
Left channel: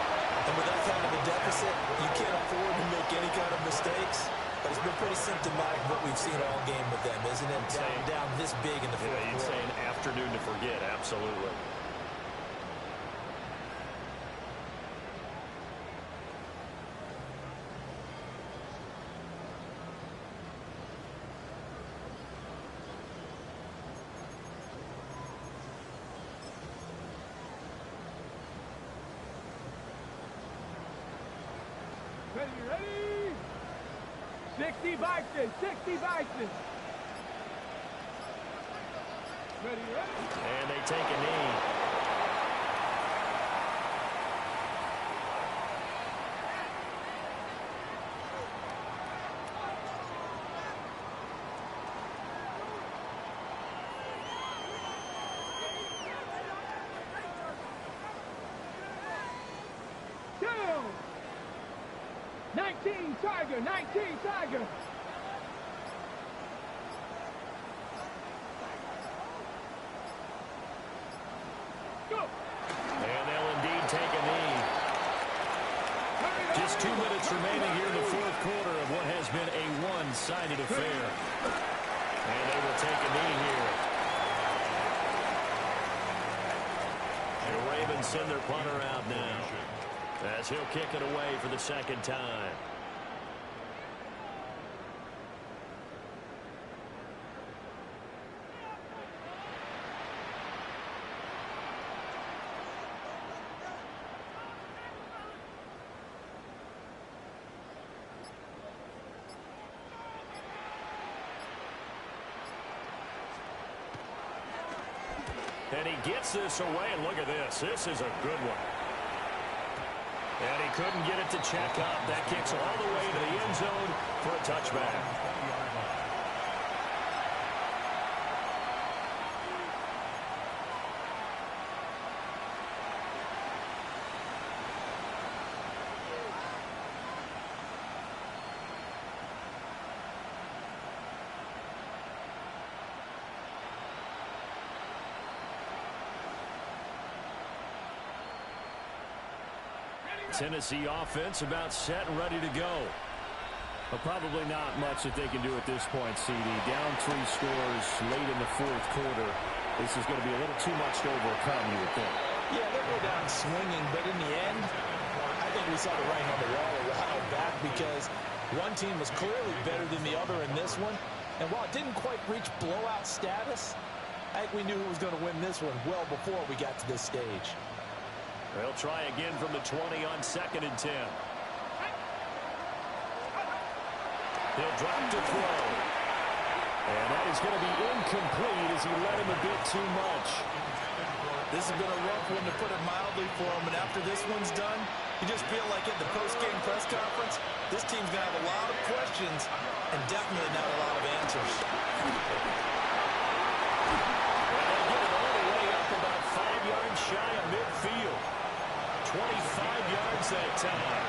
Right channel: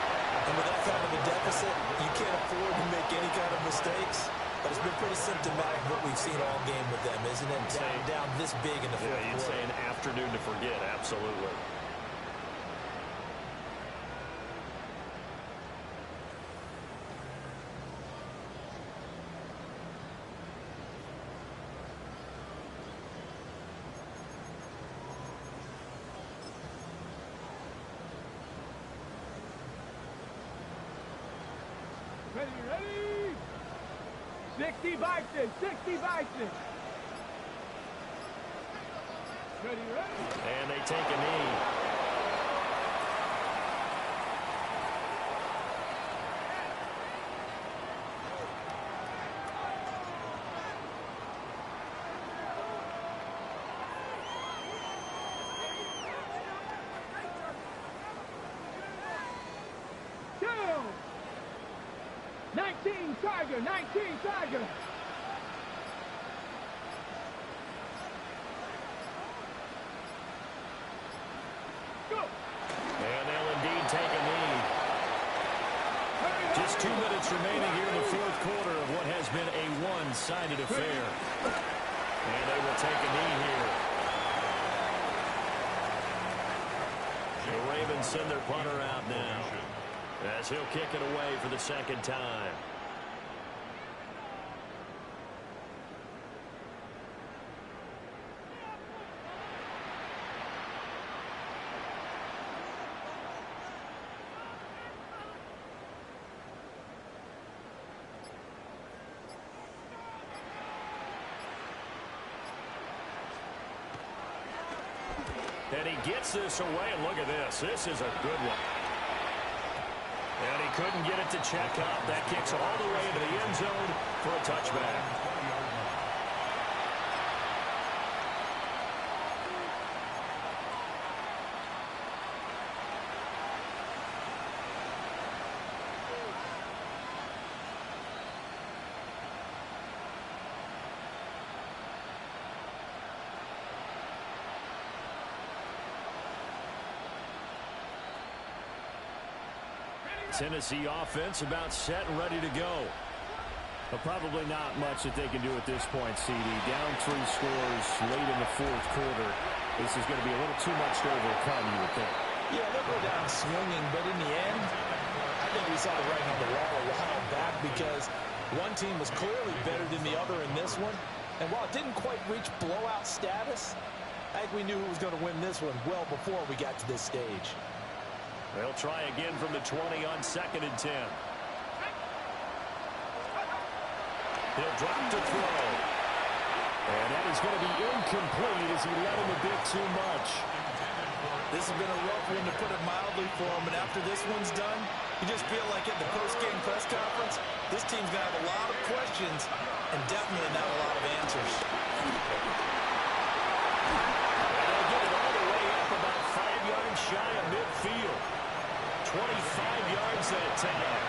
And with that kind of a deficit, you can't afford to make any kind of mistakes. But it's been pretty symptomatic of what we've seen all game with them, isn't it? Down this big in the fourth quarter. You'd say an afternoon to forget, absolutely. Ready? 60 Vikings, 60 Vikings. Ready? And they take a knee. Two. 19 Tiger, 19 Tiger. Go. And they'll indeed take a knee. Just 2 minutes remaining here in the fourth quarter of what has been a one-sided affair. And they will take a knee here. send their punter out now, as he'll kick it away for the second time. And he gets this away, and look at this. This is a good one. And he couldn't get it to check up. That kicks all the way into the end zone for a touchback. Tennessee offense about set and ready to go. Well, probably not much that they can do at this point, CD. Down 3 scores late in the fourth quarter. This is going to be a little too much to overcome, you would think. Yeah, they'll go down swinging, but in the end, I think we saw the writing on the wall a while back because one team was clearly better than the other in this one. And while it didn't quite reach blowout status, I think we knew who was going to win this one well before we got to this stage. They'll try again from the 20 on 2nd and 10. He'll drop to throw. And that is going to be incomplete as he led him a bit too much. This has been a rough one, to put it mildly, for him. And after this one's done, you just feel like at the post-game press conference, this team's going to have a lot of questions and definitely not a lot of answers. And they'll get it all the way up about 5 yards shy of midfield. 25 yards that time.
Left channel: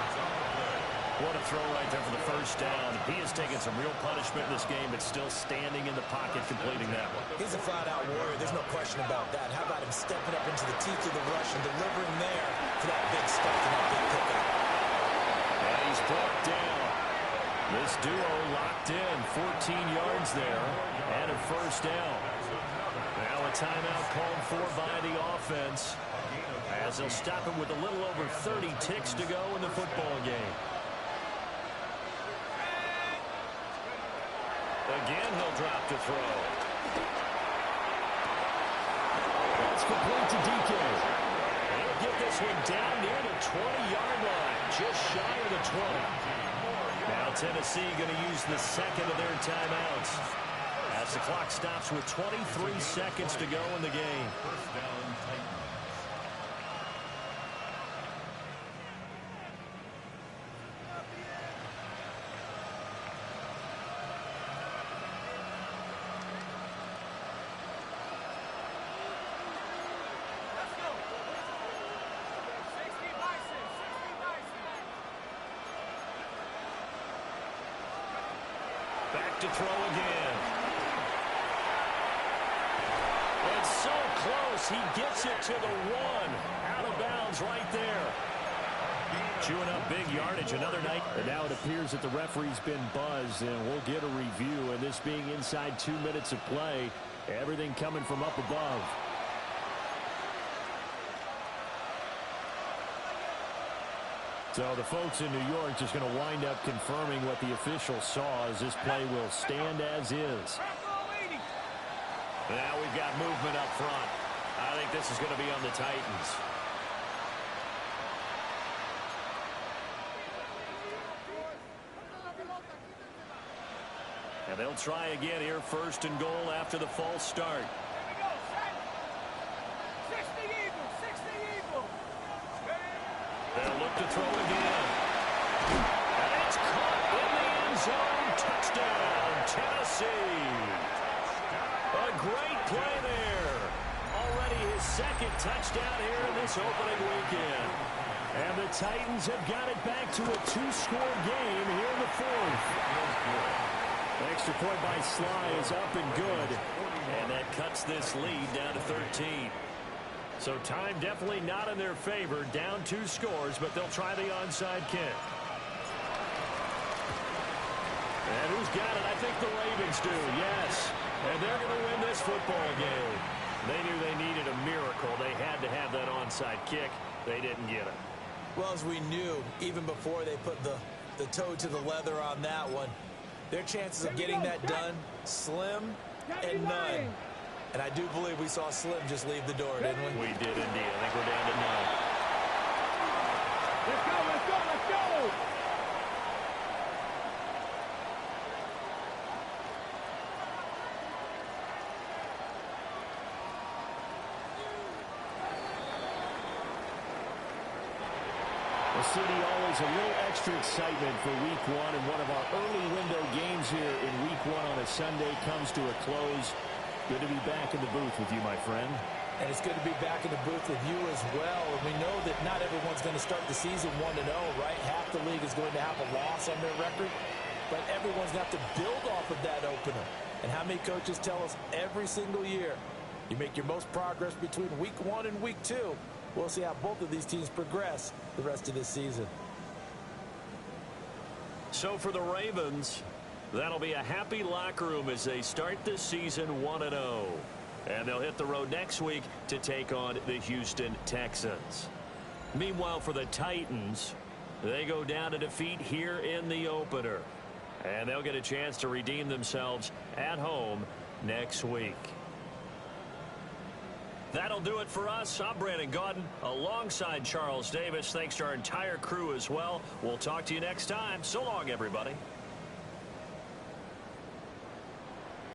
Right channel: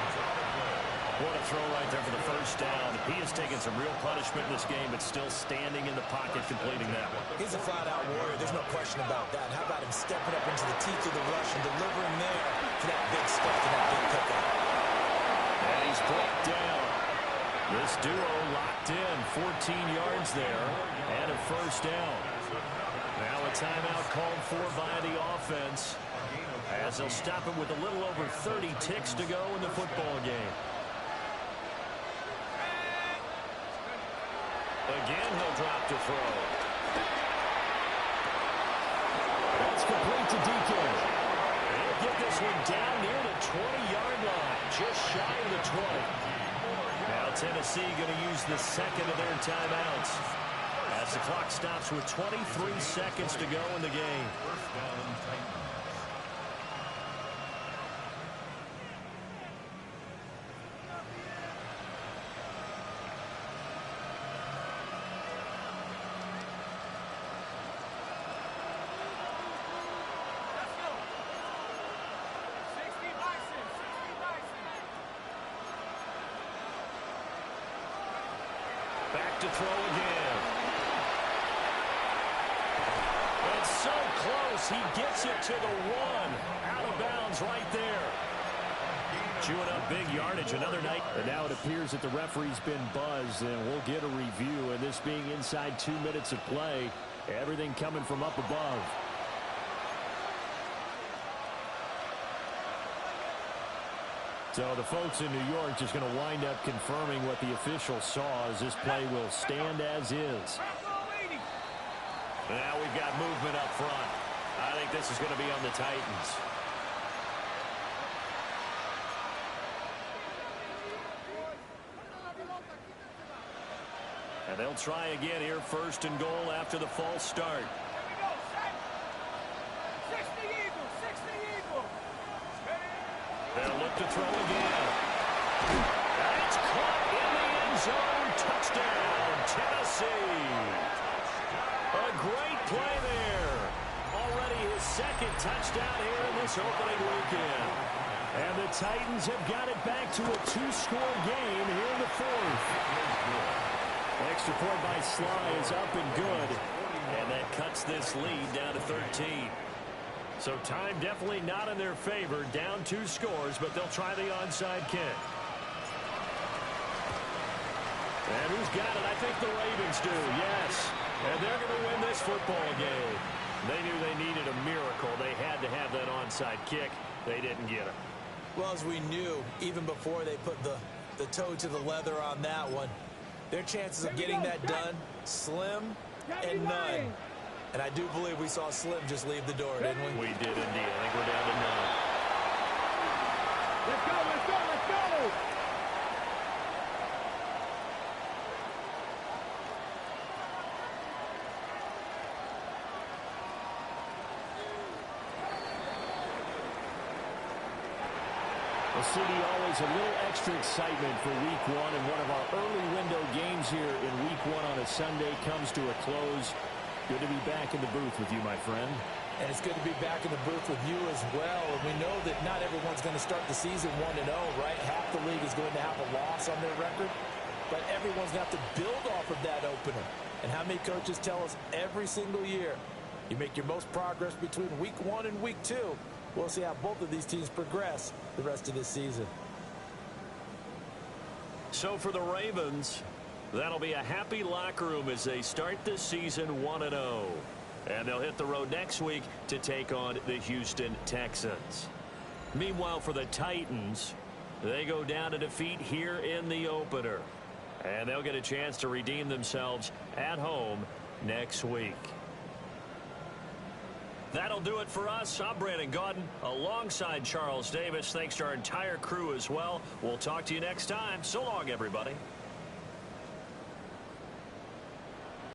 What a throw right there for the first down. He has taken some real punishment in this game, but still standing in the pocket completing that one. He's a flat-out warrior. There's no question about that. How about him stepping up into the teeth of the rush and delivering there for that big stuff and that big pickup. And he's brought down. This duo locked in. 14 yards there and a first down. Now a timeout called for by the offense, as they'll stop it with a little over 30 ticks to go in the football game. Again, he'll drop to throw. That's complete to DK. He'll get this one down near the 20-yard line, just shy of the 20. Now Tennessee going to use the second of their timeouts, as the clock stops with 23 seconds to go in the game. First down, Titans. Back to throw again. It's so close. He gets it to the 1. Out of bounds right there. Chewing up big yardage another night. And now it appears that the referee's been buzzed, and we'll get a review. And this being inside 2 minutes of play, everything coming from up above. So the folks in New York just going to wind up confirming what the official saw, as this play will stand as is. Now we've got movement up front. I think this is going to be on the Titans. And they'll try again here, 1st and goal after the false start. They'll look to throw again. And it's caught in the end zone. Touchdown, Tennessee. A great play there. Already his 2nd touchdown here in this opening weekend. And the Titans have got it back to a 2-score game here in the 4th. Extra point by Sly is up and good. And that cuts this lead down to 13. So time definitely not in their favor. Down 2 scores, but they'll try the onside kick. And who's got it? I think the Ravens do, yes. And they're going to win this football game. They knew they needed a miracle. They had to have that onside kick. They didn't get it. Well, as we knew, even before they put the toe to the leather on that one, their chances of getting that done, slim and none. And I do believe we saw Slim just leave the door, didn't we? We did indeed. I think we're down to none. Let's go, let's go, let's go! Well, CD, always a little extra excitement for week one, and one of our early window games here in week one on a Sunday comes to a close. Good to be back in the booth with you, my friend. And it's good to be back in the booth with you as well. And we know that not everyone's going to start the season 1-0, right? Half the league is going to have a loss on their record. But everyone's going to have to build off of that opener. And how many coaches tell us every single year, you make your most progress between week 1 and week 2. We'll see how both of these teams progress the rest of this season. So for the Ravens, that'll be a happy locker room as they start this season 1-0. And they'll hit the road next week to take on the Houston Texans. Meanwhile, for the Titans, they go down to defeat here in the opener. And they'll get a chance to redeem themselves at home next week. That'll do it for us. I'm Brandon Gaudin alongside Charles Davis. Thanks to our entire crew as well. We'll talk to you next time. So long, everybody.